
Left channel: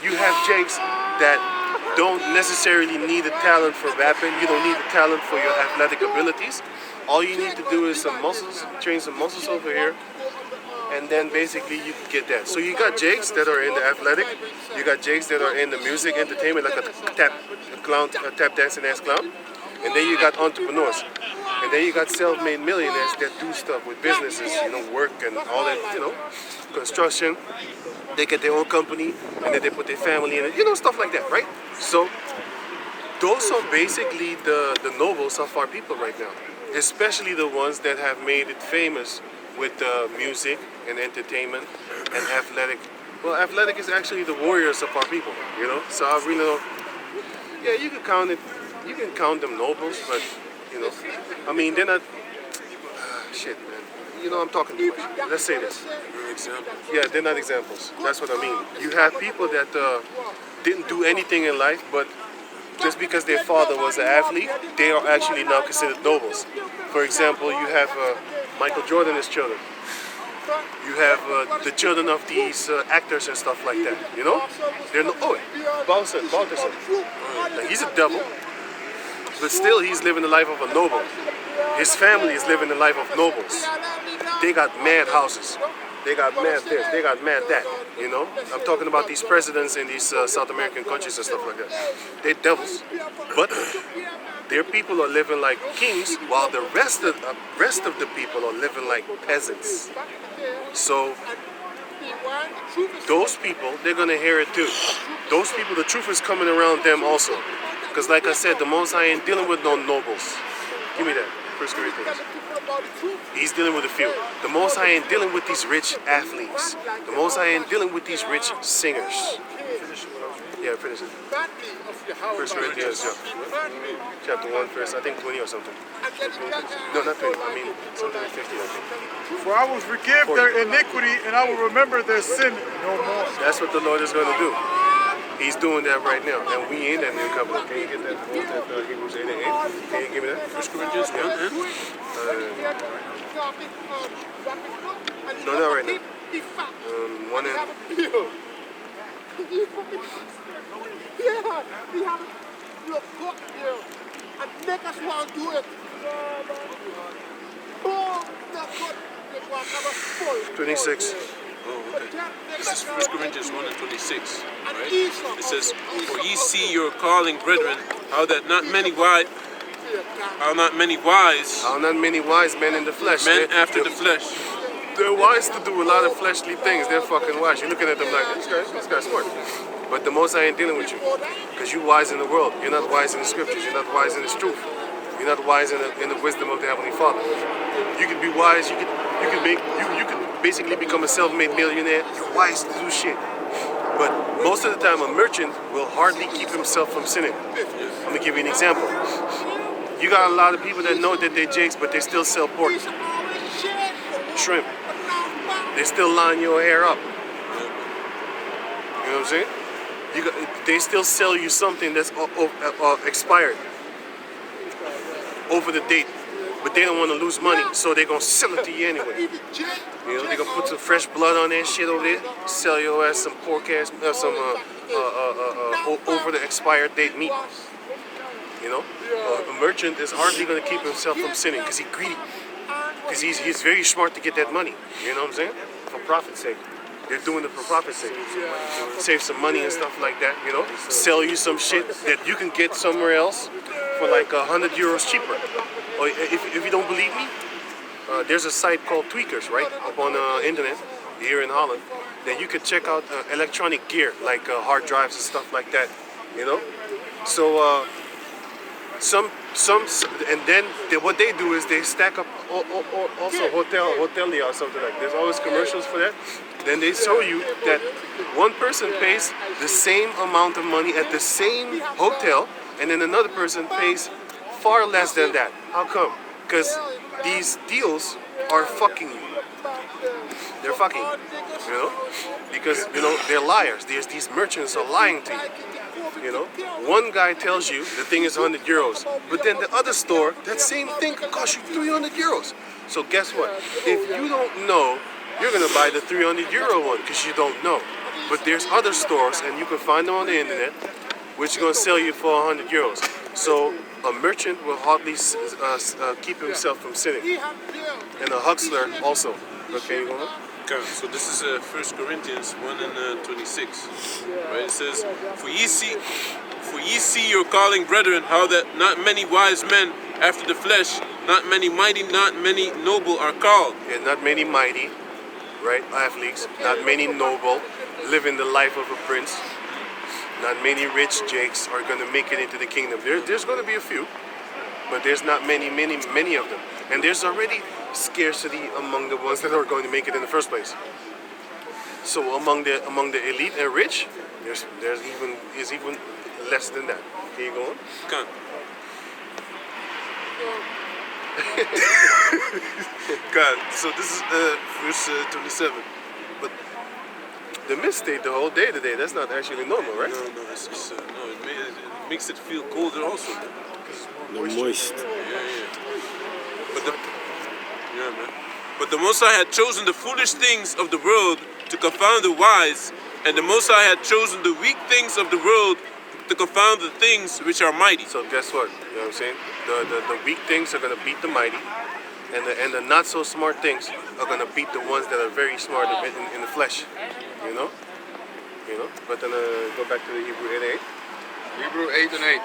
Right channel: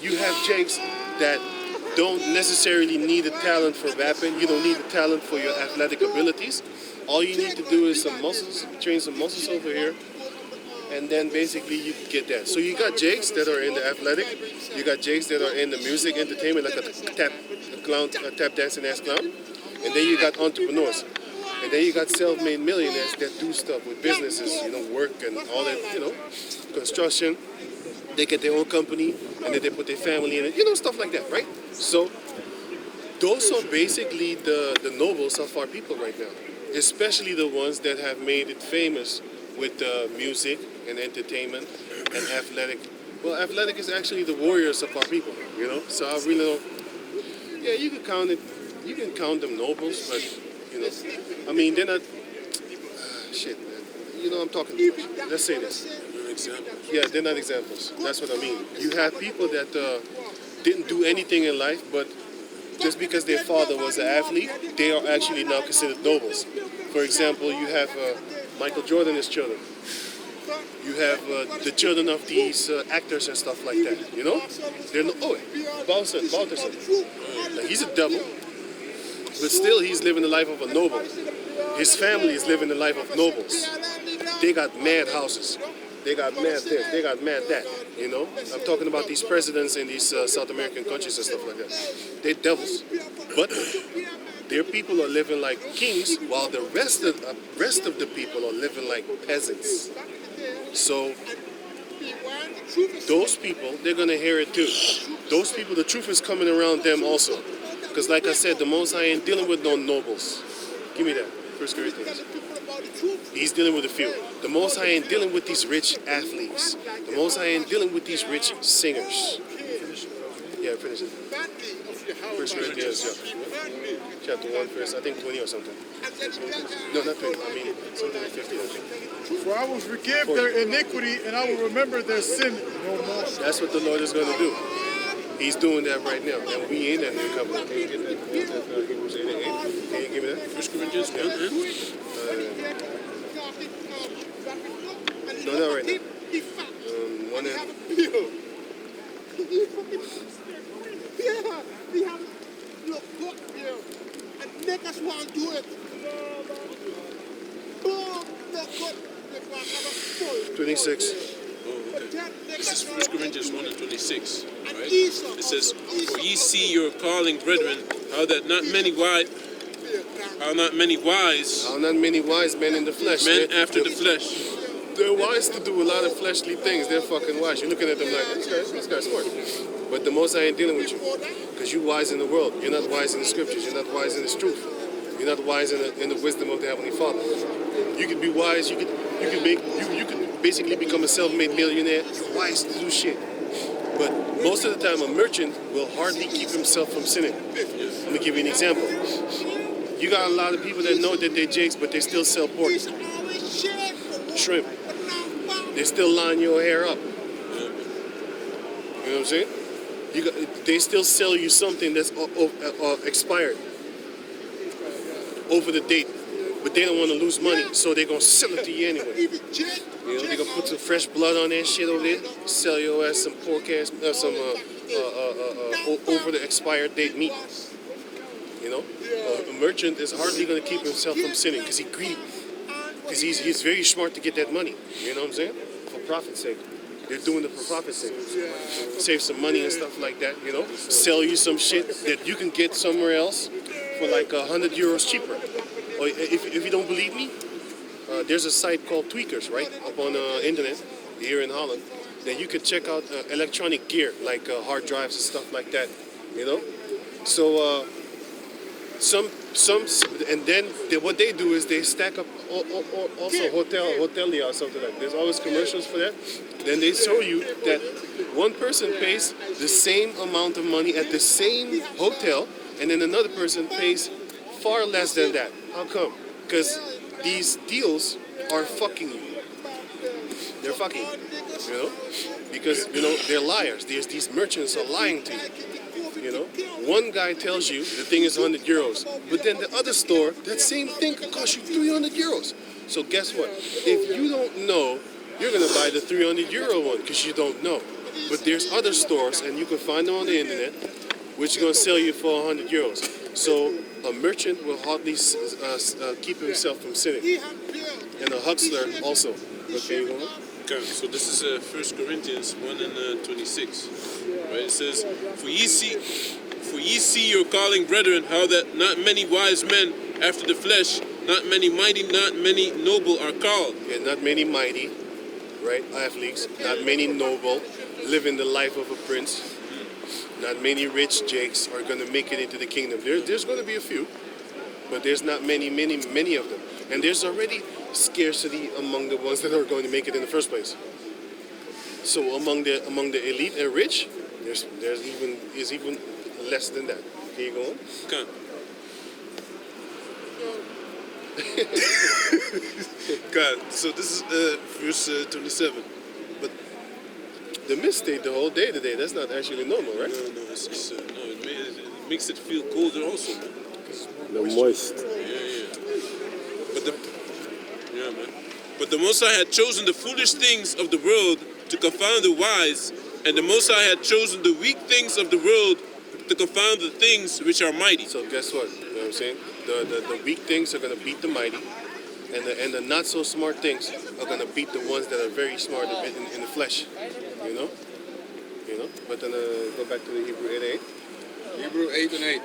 you have jakes that don't necessarily need the talent for rapping. You don't need the talent for your athletic abilities. All you need to do is some muscles, train some muscles over here, and then basically you can get that. So you got jakes that are in the athletic, you got jakes that are in the music entertainment, like a tap dancing ass clown, and then you got entrepreneurs. And then you got self-made millionaires that do stuff with businesses, work and all that, construction. They get their own company, and then they put their family in it, stuff like that, right? So those are basically the nobles of our people right now, especially the ones that have made it famous with music and entertainment and athletic. Well, athletic is actually the warriors of our people, So I really don't. Yeah, you can count it. You can count them nobles, but I mean, they're not. Shit, man. I'm talking too much. Let's say this. Yeah, they're not examples. That's what I mean. You have people that didn't do anything in life, but just because their father was an athlete, they are actually now considered nobles. For example, you have Michael Jordan and his children. You have the children of these actors and stuff like that. They're Balterson. Like, he's a devil, but still he's living the life of a noble. His family is living the life of nobles. They got mad houses. They got mad this. They got mad that. I'm talking about these presidents in these South American countries and stuff like that. They're devils, but their people are living like kings, while the rest of the people are living like peasants. So those people, they're gonna hear it too. Those people, the truth is coming around them also. Because like I said, the Most High ain't dealing with no nobles. Give me that. 1 Corinthians. He's dealing with a few. The Most High ain't dealing with these rich athletes. The Most High ain't dealing with these rich singers. Yeah, finish it. 1 Corinthians, chapter 1, verse, I think 20 or something. No, not 20. I mean, something like 50, I think. For I will forgive their iniquity, and I will remember their sin no more. That's what the Lord is going to do. He's doing that right now, and we in that new covenant. Can you get that? Hebrews 8 and 8. Can you give me that? 1 Corinthians 1 and? No, not right now. 1 and. Look good here and make us want to do it. 26. Oh, okay. This is 1 Corinthians 1 and 26. Right? It says, "For ye see your calling, brethren, how not many wise men in the flesh. Men after the flesh. They're wise to do a lot of fleshly things. They're fucking wise. You're looking at them like, this guy's smart. But the Most High ain't dealing with you. Because you're wise in the world. You're not wise in the scriptures. You're not wise in His truth. You're not wise in the wisdom of the Heavenly Father. You can be wise. You can basically become a self-made millionaire, you're wise to do shit. But most of the time, a merchant will hardly keep himself from sinning. I'm gonna give you an example. You got a lot of people that know that they're jakes, but they still sell pork, shrimp. They still line your hair up. You know what I'm saying? They still sell you something that's expired, over the date, but they don't want to lose money, so they're gonna sell it to you anyway. You know, they're gonna put some fresh blood on that shit over there, sell your ass some pork ass, some over the expired date meat. You know, a merchant is hardly gonna keep himself from sinning because he's greedy, because he's very smart to get that money. You know what I'm saying? For profit's sake. They're doing it for profit's sake. Save some money and stuff like that, you know? Sell you some shit that you can get somewhere else for like €100 cheaper. Or if you don't believe me, there's a site called Tweakers, right? Up on the internet, here in Holland, that you can check out electronic gear, like hard drives and stuff like that, you know? So, and then what they do is they stack up also hotelia or something like that. There's always commercials for that. Then they show you that one person pays the same amount of money at the same hotel, and then another person pays far less than that. How come? Because these deals are fucking you. They're fucking you, you know? Because, you know, they're liars. These merchants are lying to you. You know, one guy tells you the thing is €100, but then the other store, that same thing could cost you €300. So guess what? If you don't know, you're gonna buy the €300 one because you don't know. But there's other stores, and you can find them on the internet, which are gonna sell you for €100. So a merchant will hardly keep himself from sinning, and a huckster also. Okay, you go on? Okay, so this is 1 Corinthians 1 and 26. Right? It says, For ye see your calling, brethren, how that not many wise men after the flesh, not many mighty, not many noble are called. Yeah, not many mighty, right, athletes, not many noble, living the life of a prince. Not many rich jakes are going to make it into the kingdom. There's going to be a few, but there's not many of them. And there's already scarcity among the ones that are going to make it in the first place. So among the elite and rich, there's even less than that. Can you go on? Okay. God, so this is verse 27. But the mist stayed the whole day today. That's not actually normal, right? No, it's just, no, it makes it feel colder also. Moist. But the Most High had chosen the foolish things of the world to confound the wise, and the Most High had chosen the weak things of the world to confound the things which are mighty. So guess what? You know what I'm saying? The weak things are going to beat the mighty, and the not so smart things are going to beat the ones that are very smart in the flesh. You know? But then go back to the Hebrew 8:8. Hebrew 8 and 8.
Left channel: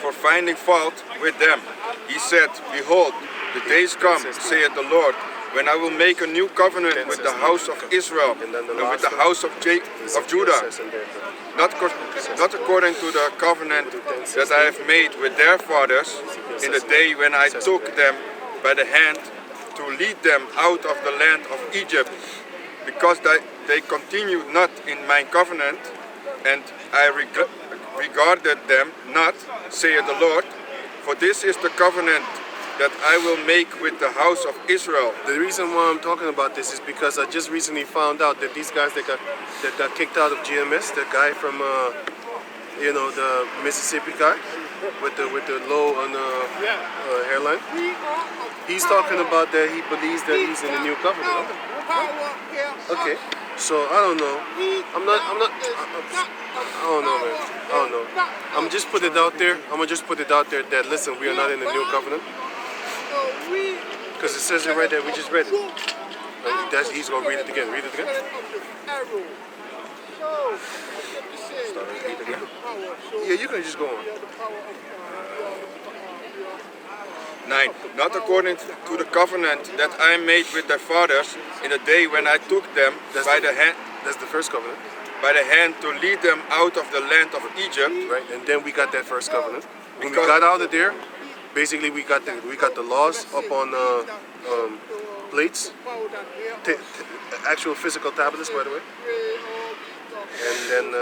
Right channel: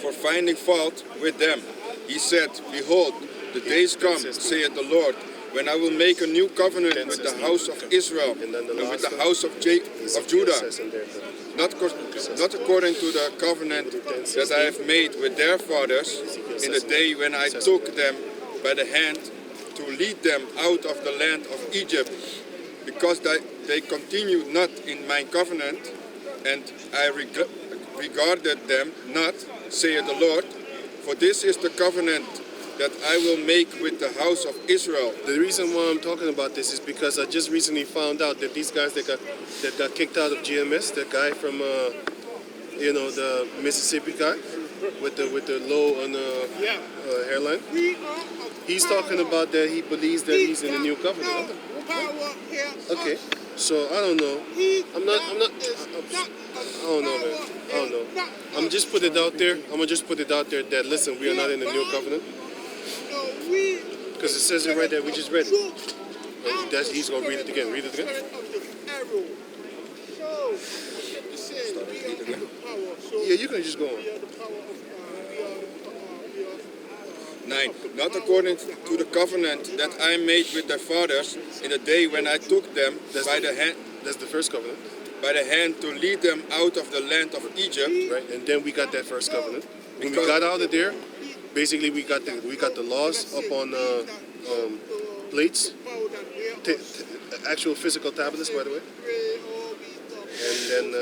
For finding fault with them, he said, Behold, the days come, saith the Lord, when I will make a new covenant with the house of Israel and with the house of Judah, not according to the covenant that I have made with their fathers in the day when I took them by the hand to lead them out of the land of Egypt, because they continued not in my covenant, and I regarded them not, saith the Lord. For this is the covenant that I will make with the house of Israel. The reason why I'm talking about this is because I just recently found out that these guys that got kicked out of GMS, the guy from the Mississippi guy with the low on hairline, he's talking about that he believes that he's in the new covenant. Okay, so I don't know. I don't know, man. I don't know. I'm gonna just put it out there that listen, we are not in the new covenant. Because it says it right there, we just read it. He's gonna read it again. Read it again. Start with 8 again. Yeah, you can just go on. 9. Not according to the covenant that I made with their fathers in the day when I took them by the hand. That's the first covenant. By the hand to lead them out of the land of Egypt. Right, and then we got that first covenant. When we got out of there, basically we got the laws up on plates, actual physical tablets, by the way. And then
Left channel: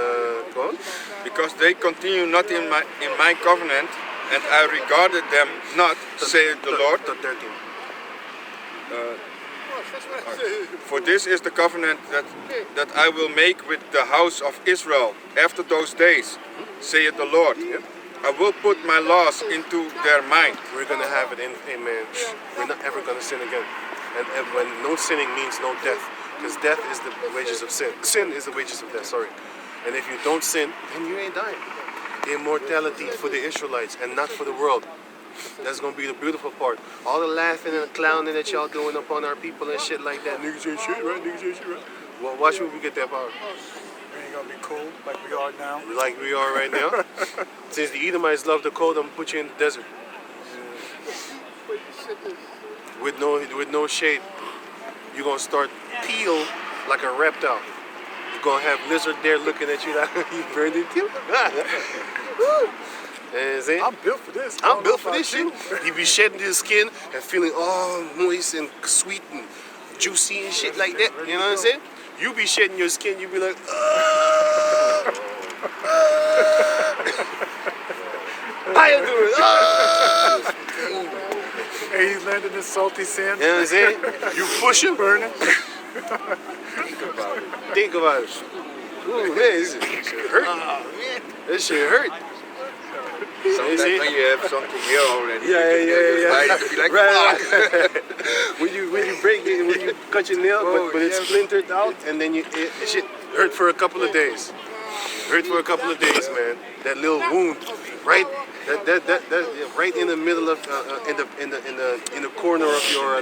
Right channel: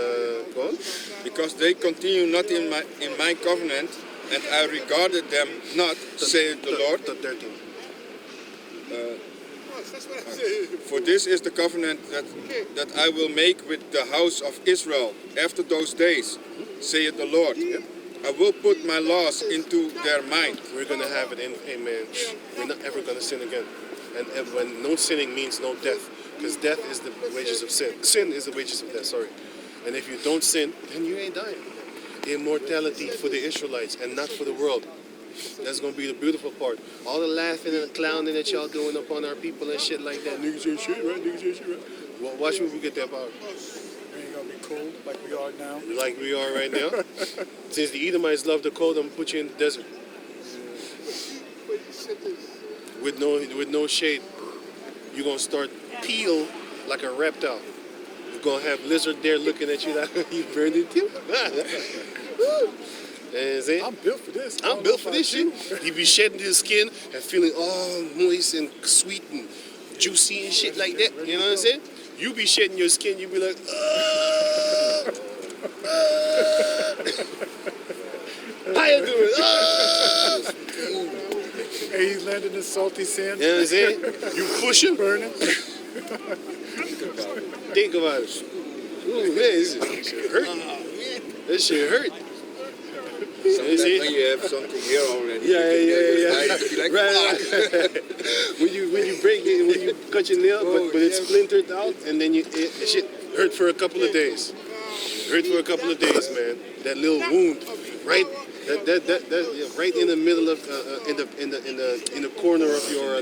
go on. Because they continue not in my covenant, and I regarded them not, saith the Lord. 13. For this is the covenant that I will make with the house of Israel after those days, saith the Lord. I will put my laws into their mind. We're gonna have it in, amen. We're not ever gonna sin again. And when no sinning means no death, because death is the wages of sin. Sin is the wages of death, sorry. And if you don't sin, then you ain't dying. Immortality for the Israelites and not for the world. That's gonna be the beautiful part. All the laughing and the clowning that y'all doing upon our people and shit like that. Niggas ain't shit, right? Niggas ain't shit, right? Well, watch when we get that power. We ain't gonna be cold like we are now. Like we are right now. Since the Edomites love the cold, I'm gonna put you in the desert. With no shade. You're gonna start peel like a reptile. You're gonna have lizard there looking at you like you burned it too. I'm built for this. I'm built for this shit. You be shedding his skin and feeling all moist and sweet and juicy and shit like that. You know what I'm saying? You be shedding your skin, you be like, how you doing? Hey, he's landing in salty sand. You know what I'm saying? You push him. Burning. Think about it. Ooh, man, this shit hurt. This shit hurt. Sometimes when you have something here already, Yeah. to be like, Right. when you break it, when you cut your nail, but it's splintered out, and then it shit hurt for a couple of days. Hurt for a couple of days, man. That little wound, right? That right in the middle of in the corner of your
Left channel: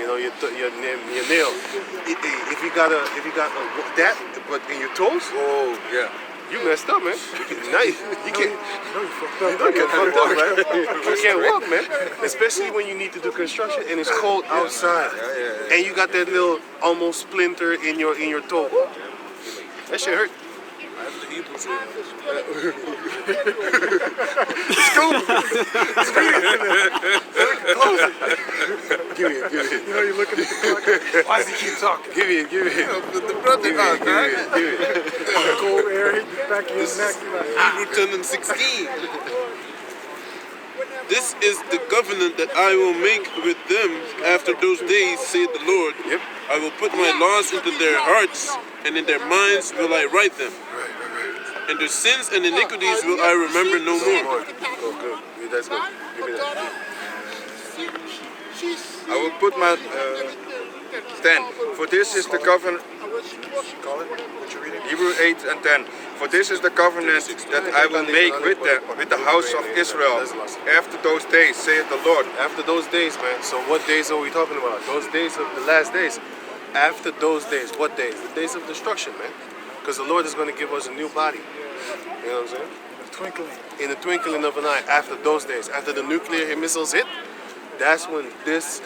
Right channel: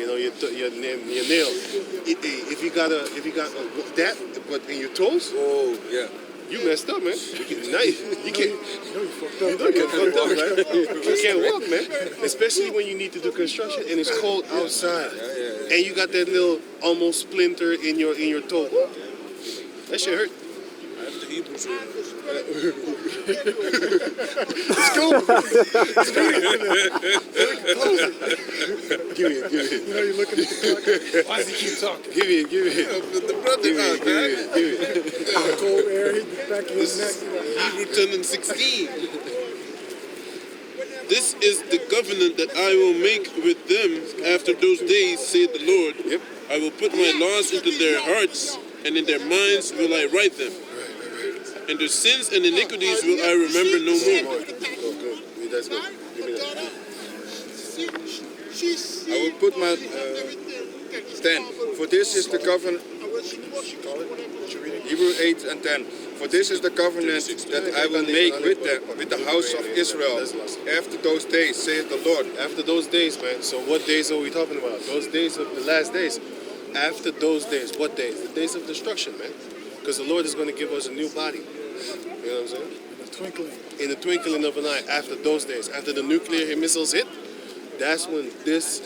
your nail. If you got that, but in your toes, oh yeah. you messed up, man. You can't. You fucked up. You get fucked up, right? You can't walk, man. Especially when you need to do construction and it's cold outside, and you got that little almost splinter in your toe. That shit hurt. I have the Hebrews here. It's cool. Close it. Give me it. You know, you're looking at the clock. Why does he keep talking? Give me it. The brother, Give it. Cold air hitting the back of his neck. Hebrew 10 and 16. This is the covenant that I will make with them after those days, saith the Lord. Yep. I will put my laws into their hearts, and in their minds will I write them. And their sins and iniquities will I remember no more. Oh, good. Yeah, that's good. Give me that. I will put my 10. For this is the covenant. Call it. What you reading? Hebrew 8 and 10. For this is the covenant that I will make with them, with the house of Israel, after those days, saith the Lord. After those days, man. So what days are we talking about? Those days of the last days. After those days, what days? The days of destruction, man. Because the Lord is going to give us a new body. You know what I'm saying? In a twinkling. In the twinkling of an eye. After those days, after the nuclear missiles hit, that's when this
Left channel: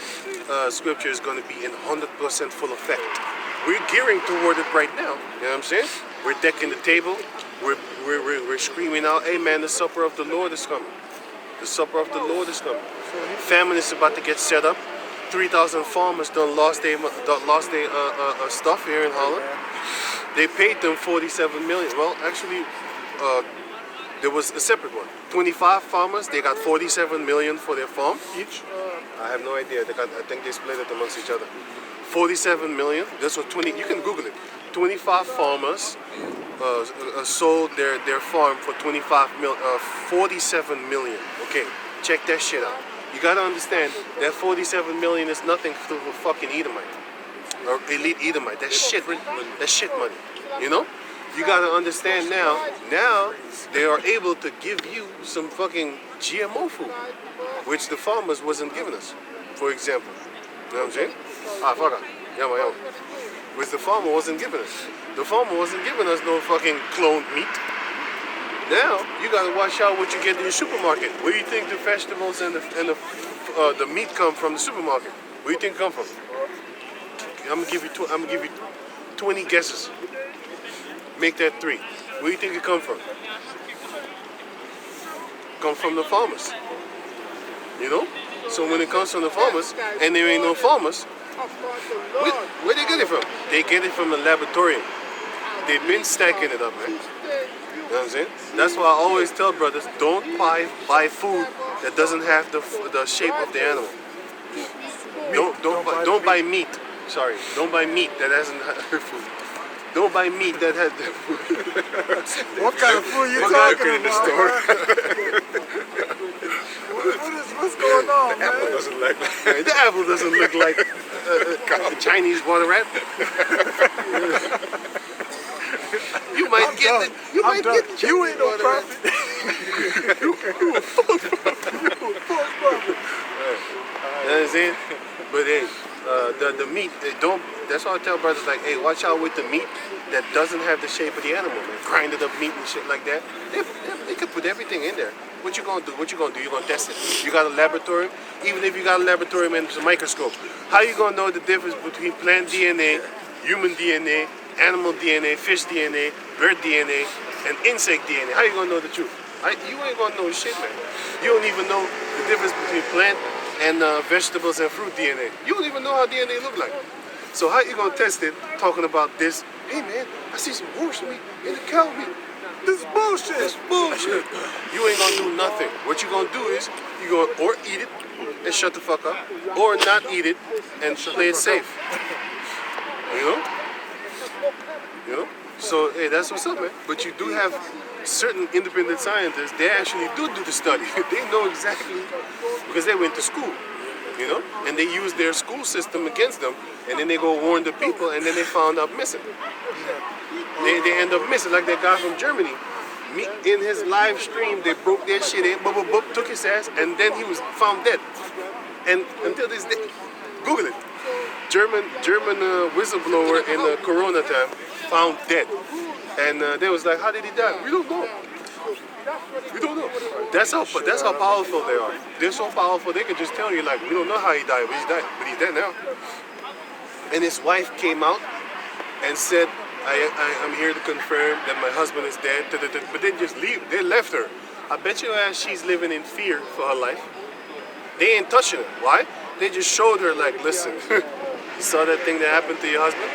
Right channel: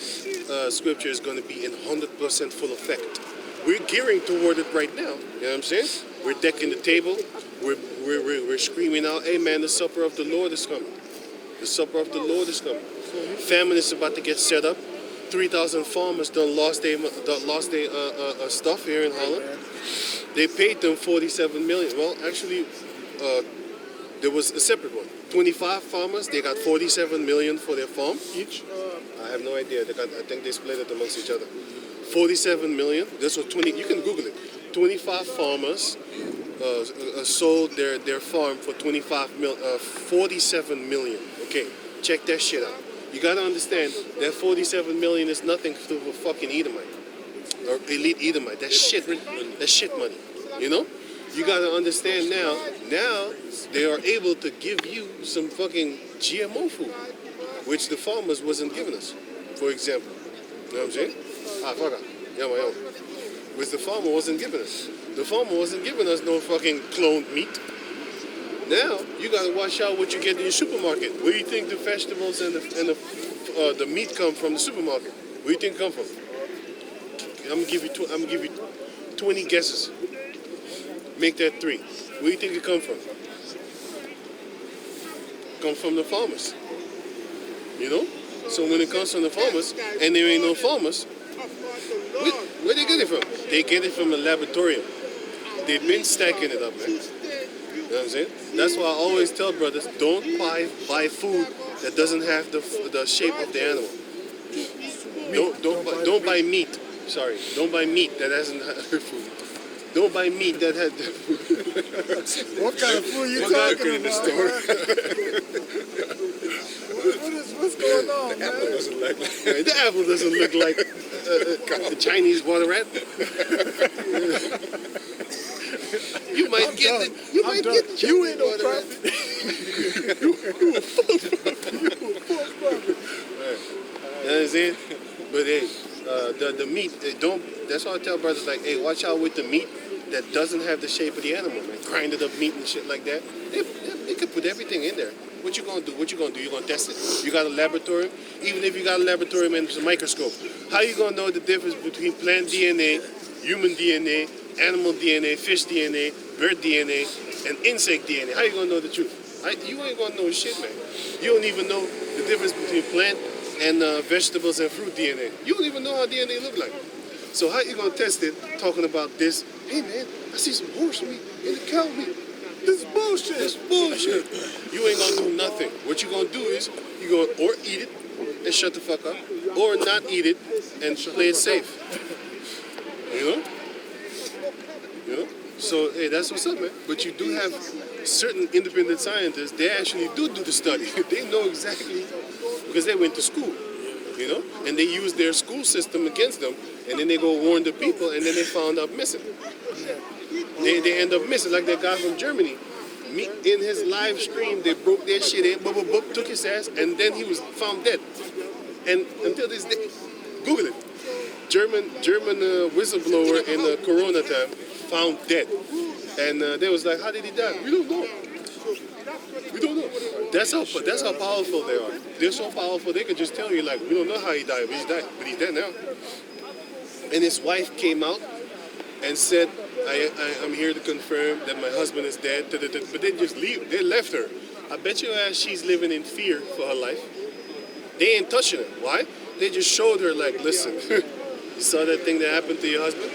scripture is going to be in 100% full effect. We're gearing toward it right now. You know what I'm saying? We're decking the table. We're screaming out, hey man, the supper of the Lord is coming. The supper of the Lord is coming. Famine is about to get set up. 3,000 farmers done lost their stuff here in Holland. They paid them 47 million. Well, actually, there was a separate one. 25 farmers, they got 47 million for their farm. Each? I have no idea. I think they split it amongst each other. 47 million. This was 20. You can Google it. 25 farmers sold their farm for 47 million. Okay, check that shit out. You gotta understand that 47 million is nothing to a fucking Edomite or elite Edomite. That's shit. That's shit money. You know? You gotta understand now. Now they are able to give you some fucking GMO food, which the farmers wasn't giving us. For example, you know what I'm saying? Fuck it. Yama. Which the farmer wasn't giving us. The farmer wasn't giving us no fucking cloned meat. Now you gotta watch out what you get in your supermarket. Where do you think the vegetables and the meat come from? The supermarket. Where do you think it come from? I'm gonna give you 20 guesses. Make that 3. Where do you think it come from? Come from the farmers. You know? So when it comes from the farmers, and there ain't no farmers, where they get it from? They get it from the laboratorium. They've been stacking it up, man. You know what I'm saying? That's why I always tell brothers, don't buy food that doesn't have the shape of the animal. Don't buy meat. Sorry, don't buy meat that hasn't food. Don't buy meat that has the food. What kind of food you talking about? What's going on, man? The apple doesn't look like a Chinese water rat. You might get it. You might get the You ain't no water rat. prophet. You a false prophet. You a false prophet. You know what I'm saying? But hey, the meat, that's why I tell brothers like, hey, watch out with the meat that doesn't have the shape of the animal, man. Grinded up meat and shit like that. They could put everything in there. What you gonna do? What you gonna do? You gonna test it? You got a laboratory? Even if you got a laboratory and a microscope, how you gonna know the difference between plant DNA, human DNA, animal DNA, fish DNA, bird DNA, and insect DNA? How you gonna know the truth? You ain't gonna know shit, man. You don't even know the difference between plant and vegetables and fruit DNA. You don't even know how DNA look like. So how you gonna test it talking about this? Hey man, I see some horse meat and the cow meat. This is bullshit. This is bullshit. You ain't gonna do nothing. What you gonna do is you gonna or eat it and shut the fuck up, or not eat it and play it safe. You know? You know? So hey, that's what's up, man. But you do have certain independent scientists. They actually do the study. They know exactly because they went to school. You know, and they use their school system against them, and then they go warn the people, and then they found out missing. They end up missing, like that guy from Germany. In his live stream, they broke their shit in, took his ass, and then he was found dead. And until this day, Google it. German whistleblower in the Corona time found dead, and they was like, how did he die? We don't know. We don't know. That's how powerful they are. They're so powerful they can just tell you like, we don't know how he died, but he's dead. But he's dead now. And his wife came out and said, I'm here to confirm that my husband is dead. But they just leave. They left her. I bet you ass she's living in fear for her life. They ain't touching her. Why? They just showed her like, listen, you saw that thing that happened to your husband?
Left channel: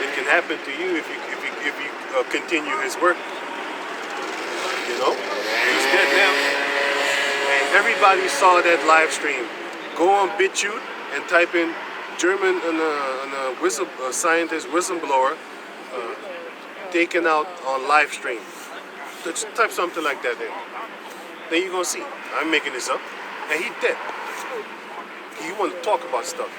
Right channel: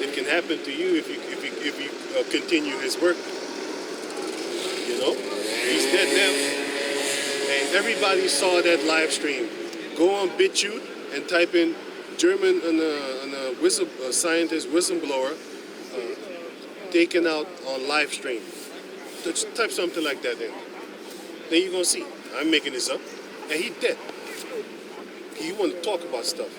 It can happen to you if you continue his work. You know, he's dead now, and everybody saw that live stream. Go on BitChute and type in German and a scientist whistleblower taken out on live stream. Just type something like that in. Then you're gonna see. I'm making this up, and he's dead. You want to talk about stuff?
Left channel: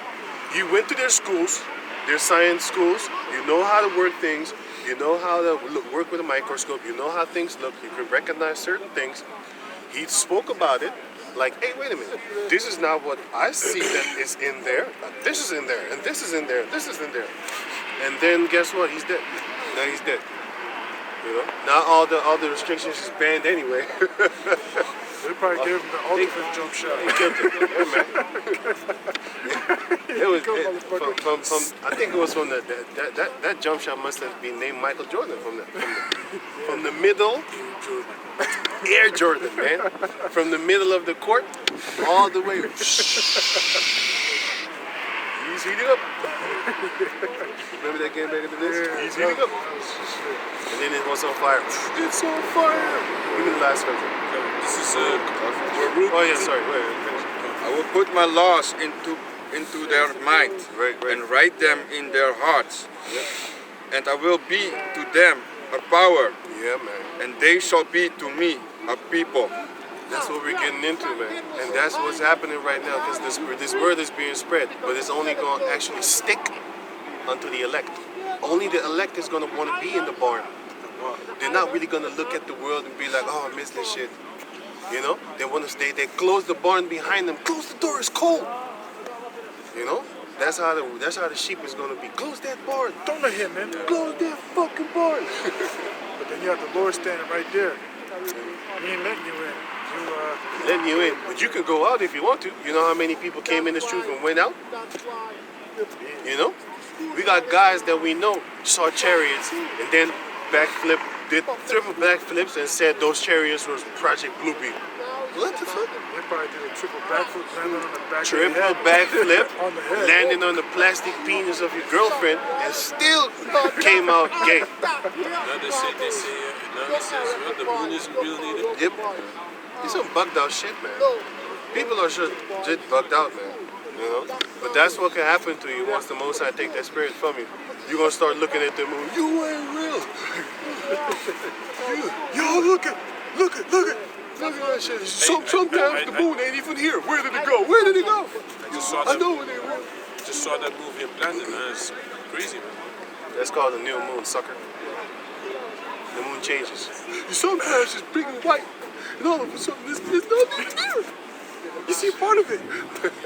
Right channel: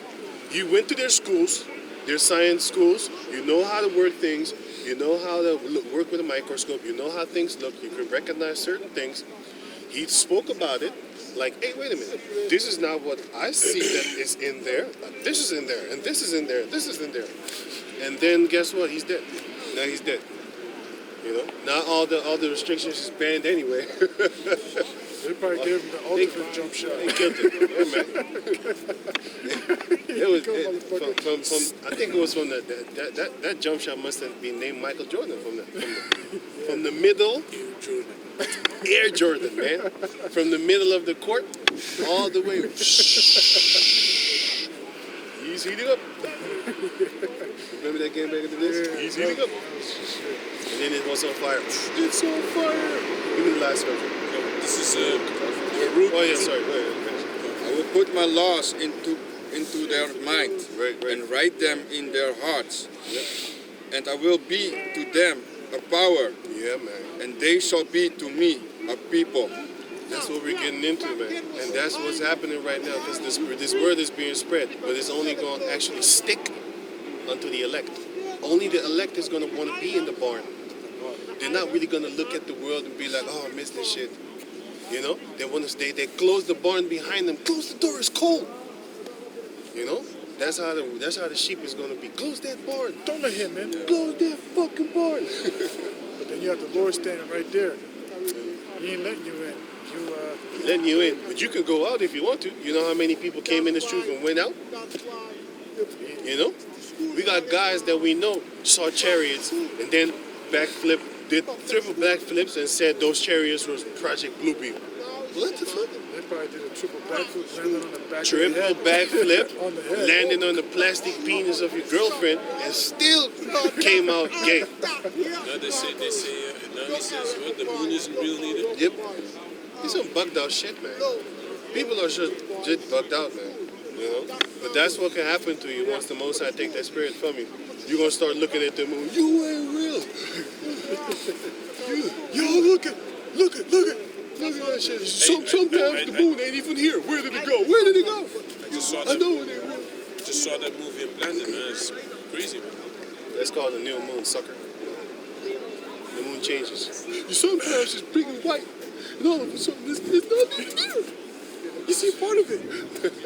You went to their schools, their science schools. You know how to work things. You know how to work with a microscope. You know how things look. You can recognize certain things. He spoke about it like, hey, wait a minute. This is not what I see that is in there. This is in there, and this is in there, this is in there. And then guess what? He's dead. Now he's dead. You know? Now all the restrictions is banned anyway. They probably gave him the ultimate jump shot. He killed it. Yeah, man. It was I think it was from that jump shot must have been named Michael Jordan from the middle. Air Jordan, man. From the middle of the court all the way. He's heating up. Remember that game back in the days? He's heating up. And then it was on fire. It's on fire. Even the last version. This is Oh yeah, sorry. Wait, finish. I will put my laws into their mind and write them in their hearts. Yep. And I will be to them a power, Yeah, man. and they shall be to me a people. That's what we're getting into, man. And that's what's happening right now because this word is being spread, but it's only going to actually stick unto the elect. Only the elect is going to want to be in the barn. They're not really going to look at the world and be like, oh, I miss this shit. You know? They want to stay. They close the barn behind them. Close the door, it's cold. You know? That's how the sheep is going to be. Close that barn. Don't let him in. Close that fucking barn. But then you have the Lord standing right there. He ain't letting you in. Letting you in. But you can go out if you want to. You know how many people came in this truth and went out? You know? We got guys that we know saw chariots and then did triple backflips and said those chariots was Project Bluebeam. What the fuck? probably did a triple backflip, landing on the back Triple of the head. backflip, On the head. landing on the plastic penis of your girlfriend, and still came out gay. Now they say, now he says, well, the moon isn't real neither. Yep. He's some bugged out shit, man. People are just bugged out, man. You know? But that's what can happen to you once the Most High take that spirit from you. You're gonna start looking at the moon. You ain't real. Yo, look at that shit. Sometimes the moon ain't even here. Where did it go? Where did it go? I just saw I that, know it ain't real. just saw that movie in Planet, man. It's crazy, man. That's called a new moon, sucker. The moon changes. Sometimes it's big and white, and all of a sudden it's not even there. You see part of it.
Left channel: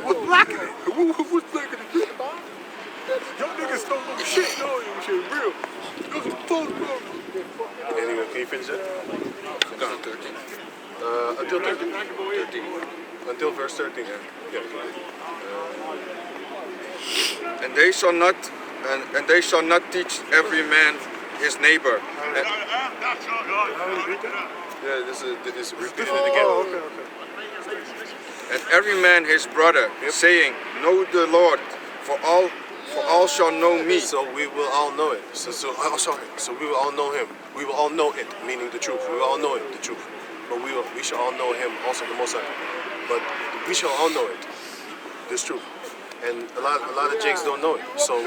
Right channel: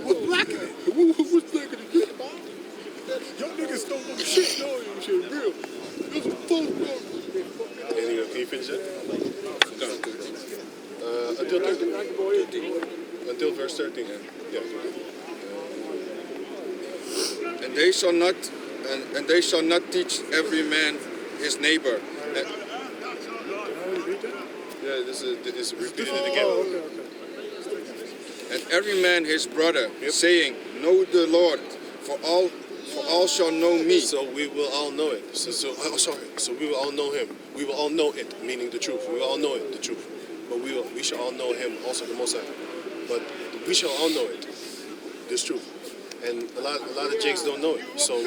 What's black in it? What's black in it? Y'all niggas stole no shit. No, you shit real. Those are false brothers. Anyway, can you finish that? Until 13. Until 13? 13. Until verse 13. Yeah. And they shall not teach every man his neighbor. Yeah, this is repeating it again. Oh, okay. And every man his brother, saying, Know the Lord, for all shall know me. So we will all know it. So we will all know him. We will all know it, meaning the truth. We will all know it, the truth. But we shall all know him, also the Most High. But we shall all know it, this truth. And a lot of jakes don't know it. So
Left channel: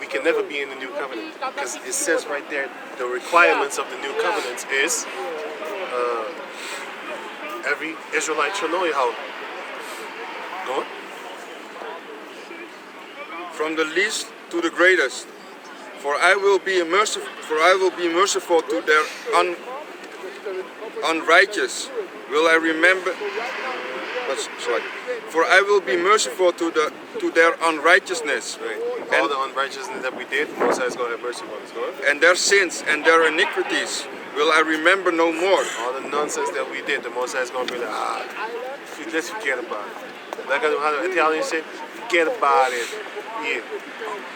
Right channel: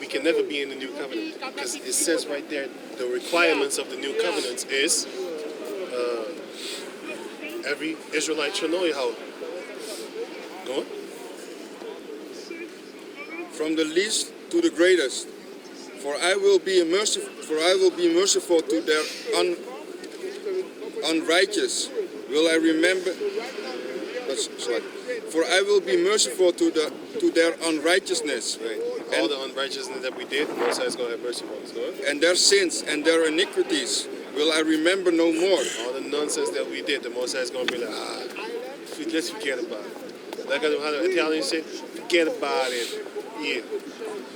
we can never be in the new covenant, because it says right there the requirements of the new covenant is every Israelite shall know Yahweh. Go on. From the least to the greatest. For I will be merciful to their unrighteous. Will I remember? For I will be merciful to their unrighteousness. Right. All the unrighteousness that we did, Most High is going to have mercy on us. Go ahead. And their sins and their iniquities will I remember no more. All the nonsense that we did, the Most High is going to be like, let's forget about it. Like how the Italians say, forget about it. Yeah,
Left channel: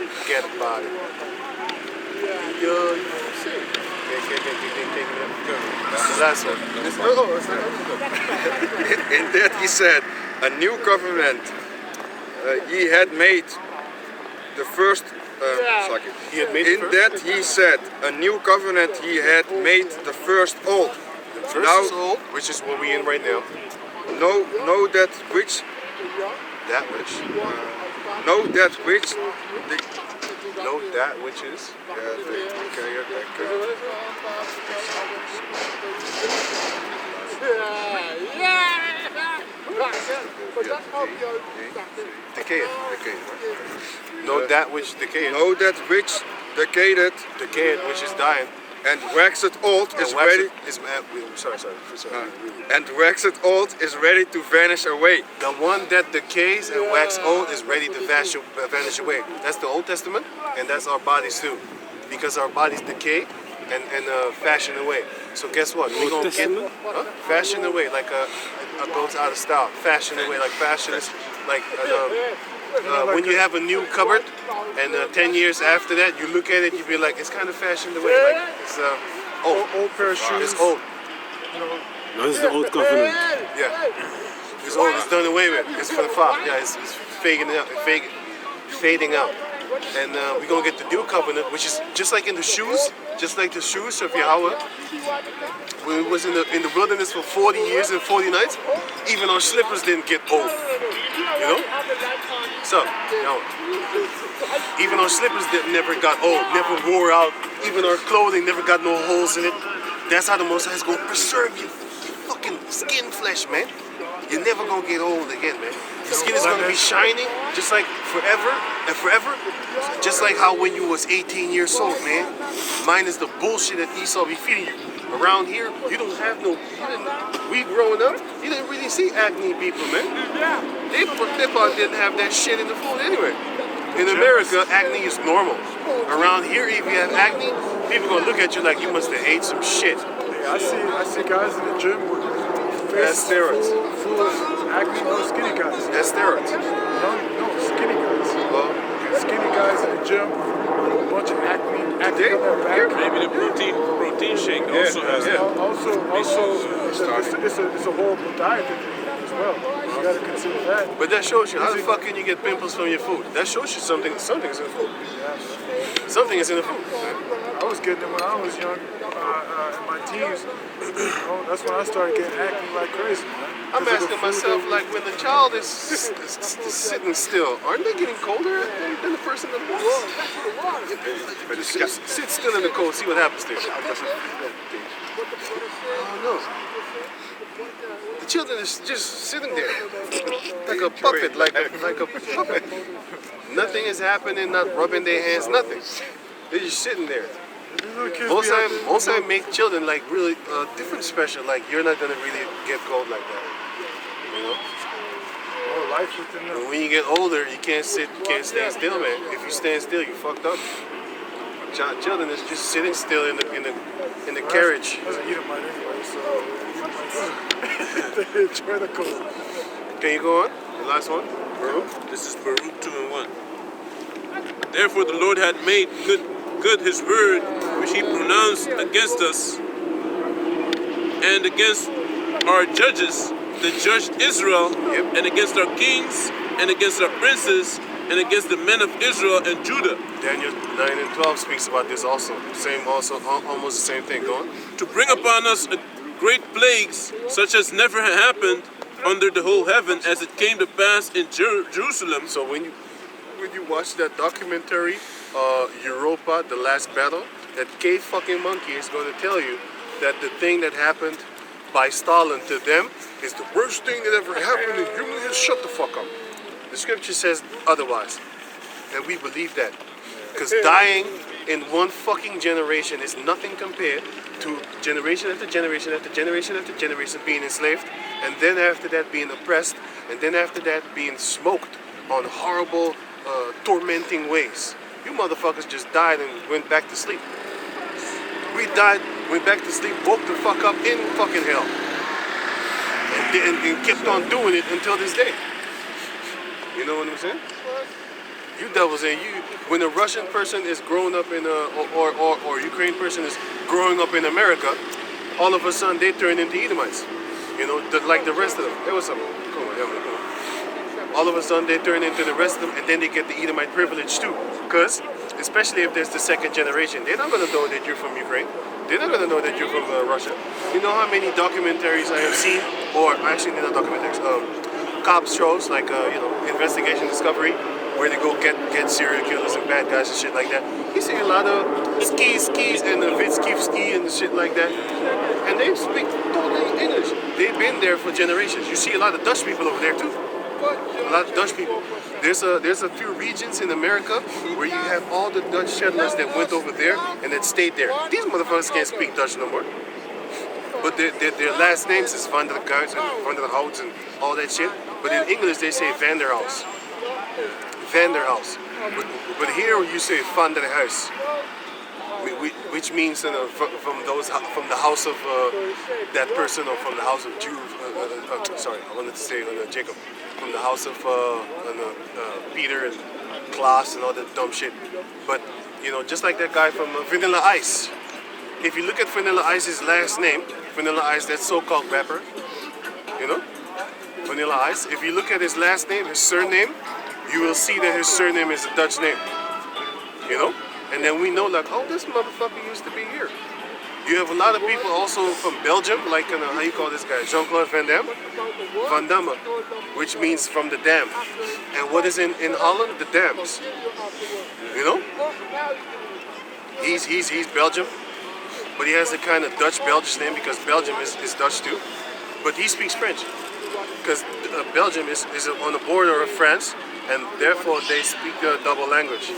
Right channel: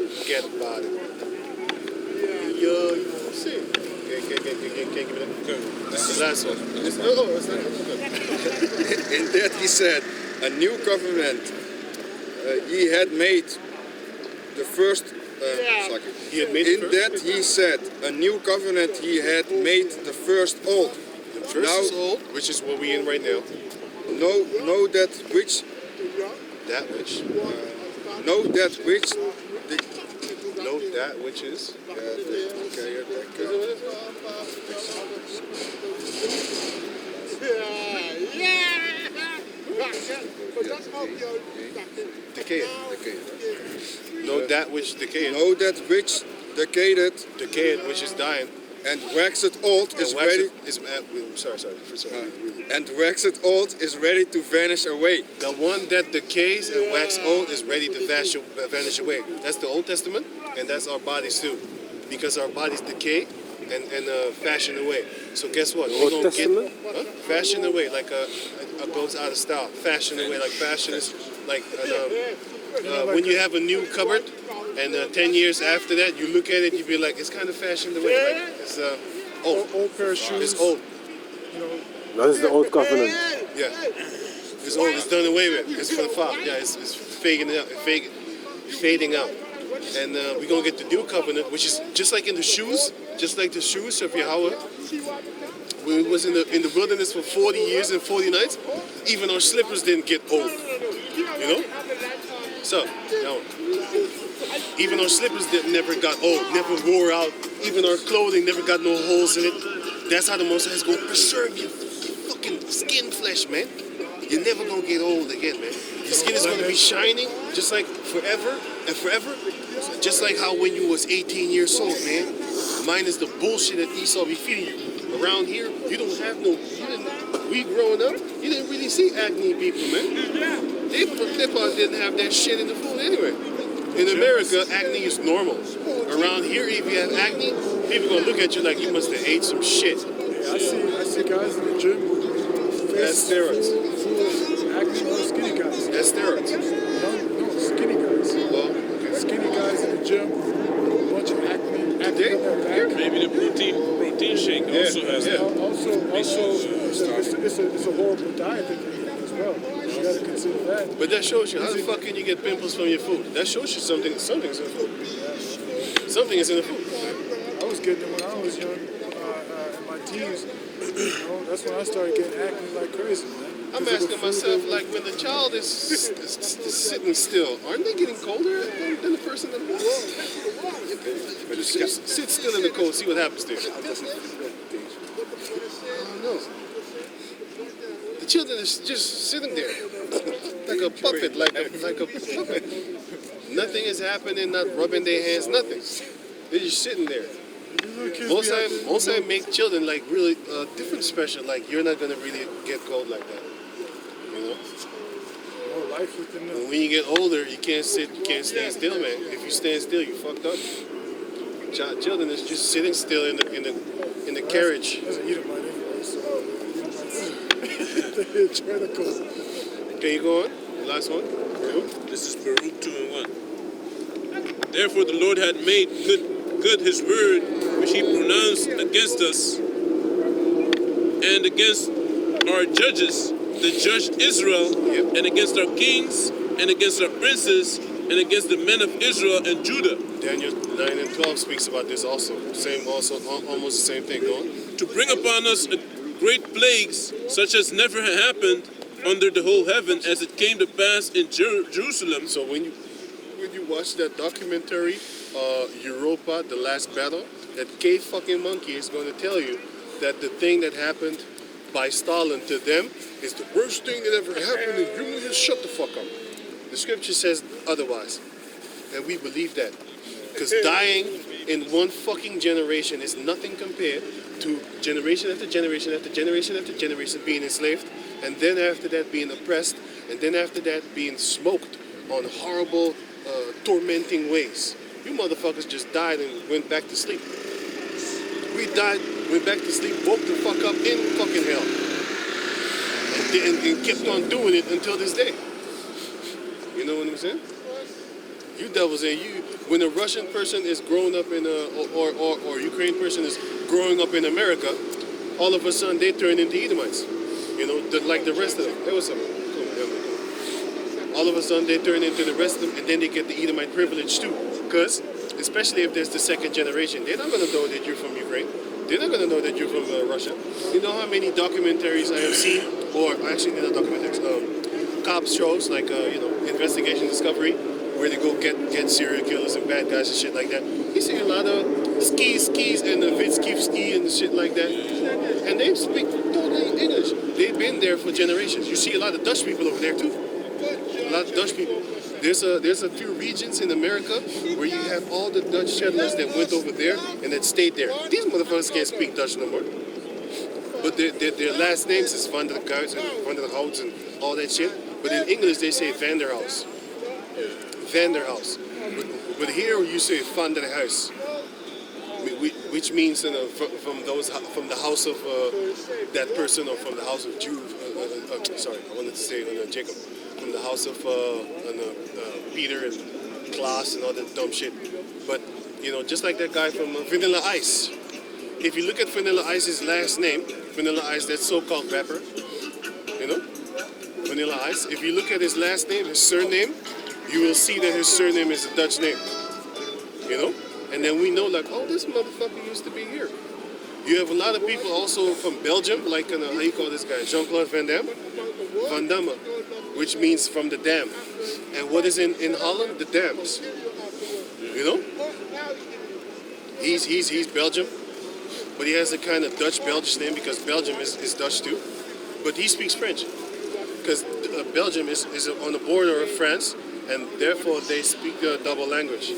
forget about it. Yo, you see. That's the last one. In that he said, a new covenant he had made the first. He had made In that he said, a new covenant he had made the first old. The first is old, which is what we in right now. Know that which That which. know that which Know that which is. Decayed. Know that which decayed. know that which decayed Decayed, which is dying. and waxed old is ready. Sorry. And waxed old is ready to vanish away. The one that decays and wax old is ready to vanish away. That's the Old Testament, and that's our bodies too, because our bodies decay and fashion away. So guess what? We're gonna get fashion away, like goes out of style. Fashion away, like fashion is like when you have a new cupboard, and 10 years after that, you look at it, you be like, it's kind of fashioned away, like it's Old pair of shoes. It's old. You know, Dat is de Old Covenant. Yeah. It's old. It's done away with. It's for the fall. Yeah, it's fading out. And we're going to get the new covenant, which is just like in the shoes, of Yahweh. When we was in the wilderness for 40 years and 40 nights, even our slippers didn't get old. You know? So, even our slippers never got old, never wore out. Even our clothing never got no holes in it. That's how the Most High is going to preserve your fucking skin flesh, man. You're never going to get old again, man. Your skin is going to be shining just like forever and forever. Just like how when you was 18 years old, man. Minus the bullshit that Esau be feeding you. Around here, we growing up, you didn't really see acne people, man. They probably didn't have that shit in the food anyway. In America, acne is normal. Around here, if you have acne, people gonna look at you like you must have ate some shit. yeah, I see guys in the gym with That's steroids. full of acne, no skinny guys. That's steroids. No, skinny guys. Well, Skinny guys in the gym with a bunch of acne on their back. Maybe the protein shake also has that. Also, it's a horrible diet that they eat. as well. You got to consider that. But that shows you, how the fuck can you get pimples from your food? That shows you something is in the food. Something is in the food. I was getting it when I was young, in my teens. You know, that's when I started getting acne like crazy, man. I'm asking myself, like, when the child is sitting still, aren't they getting colder than the person that walks? Just sit still in the cold, see what happens there. Oh no. The children is just sitting there like a puppet, like a puppet. Nothing is happening, not rubbing their hands, nothing. They're just sitting there. Most time make children like really different special. Like you're not gonna really get cold like that, you know. Oh, life within them. And when you get older, you can't sit, you can't stand still, man. If you stand still, you fucked up. Children is just sitting still in the carriage. That's an Edomite anyway, so they enjoy the cold. Can you go on? The last one. This is Baruch 2 and 1. Therefore the Lord had made good his word which he pronounced against us and against our judges that judged Israel, and against our kings and against our princes and against the men of Israel and Judah. Daniel 9 and 12 speaks about this also. Almost the same thing. Go on. To bring upon us great plagues such as never had happened under the whole heaven as it came to pass in Jerusalem. So when you watch that documentary, Europa, The Last Battle, that K fucking monkey is going to tell you that the thing that happened by Stalin to them is the worst thing that ever happened in human history. Shut the fuck up. The scripture says otherwise. And we believe that. Because dying in one fucking generation is nothing compared to generation after generation after generation after generation being enslaved, and then after that being oppressed, and then after that being smoked on horrible, tormenting ways. You motherfuckers just died and went back to sleep. We died, went back to sleep, woke the fuck up in fucking hell. And kept on doing it until this day. You know what I'm saying? You devils, and you, when a Russian person is growing up in or Ukraine person is growing up in America, all of a sudden they turn into Edomites. You know, like the rest of them. Hey, what's up? Come on, come on. All of a sudden they turn into the rest of them, and then they get the Edomite privilege too. Because, especially if there's the second generation, they're not going to know that you're from Ukraine. They're not going to know that you're from Russia. You know how many documentaries I have seen, or actually they're not documentaries, cops shows, like, Investigation Discovery, where they go get serial killers and bad guys and shit like that. You see a lot of skis and the Vitski and shit like that. And they speak totally English. They've been there for generations. You see a lot of Dutch people over there too. A lot of Dutch people. There's a few regions in America where you have all the Dutch settlers that went over there and that stayed there. These motherfuckers can't speak Dutch no more. But their last names is Van der Kuijs and Van der Houts and all that shit. But in English they say Van der House. Van der House. But here you say Van der Huis, which means from the house of that person, or from the house of Jew. Sorry, I wanted to say Jacob. From the house of Peter and Klaas and all that dumb shit. But just like that guy from Vanilla Ice. If you look at Vanilla Ice's last name, Vanilla Ice, that so-called rapper, Vanilla Ice. If you look at his last name, his surname, you will see that his surname is a Dutch name. And then we know, like, oh, this motherfucker used to be here. You have a lot of people also from Belgium, like, how you call this guy? Jean-Claude Van Damme? Van Damme, which means from the dam. And what is in Holland? The dams. He's Belgium, but he has a kind of Dutch-Belgish name because Belgium is Dutch too. But he speaks French because Belgium is on the border of France, and therefore they speak a double language.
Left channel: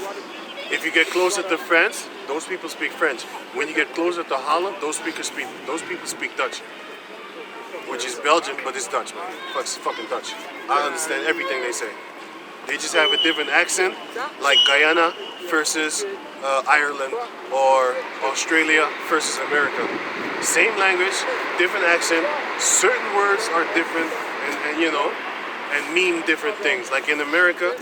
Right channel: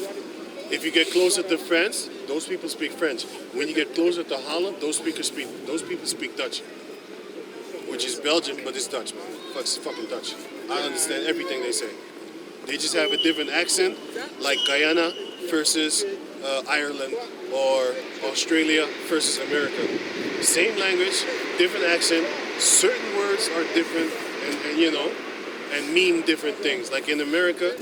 If you get closer to France, those people speak French. When you get closer to Holland, those people speak Dutch, which is Belgium, but it's Dutch, man. It's fucking Dutch. I understand everything they say. They just have a different accent, like Guyana versus Ireland, or Australia versus America. Same language, different accent. Certain words are different, and mean different things. Like in America,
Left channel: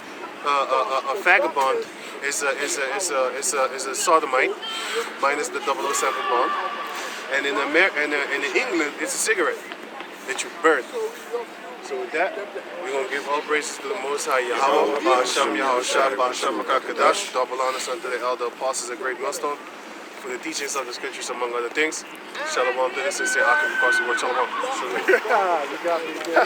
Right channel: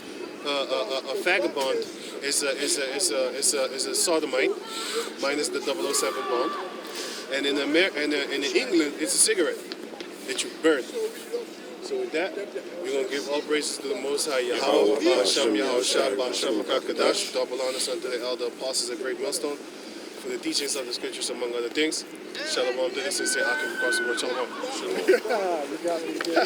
a vagabond is a sodomite, minus the 007 bond. And in England, it's a cigarette that you burn. So with that, we're going to give all praises to the Most High Yahweh, Ba'asham Yahushua, Ba'asham Makakadash, double honors unto the elder apostles at Great Millstone for the teachings of the scriptures, among other things. Shalom to the sincere Akim, of course, the word Shalom. You got me there.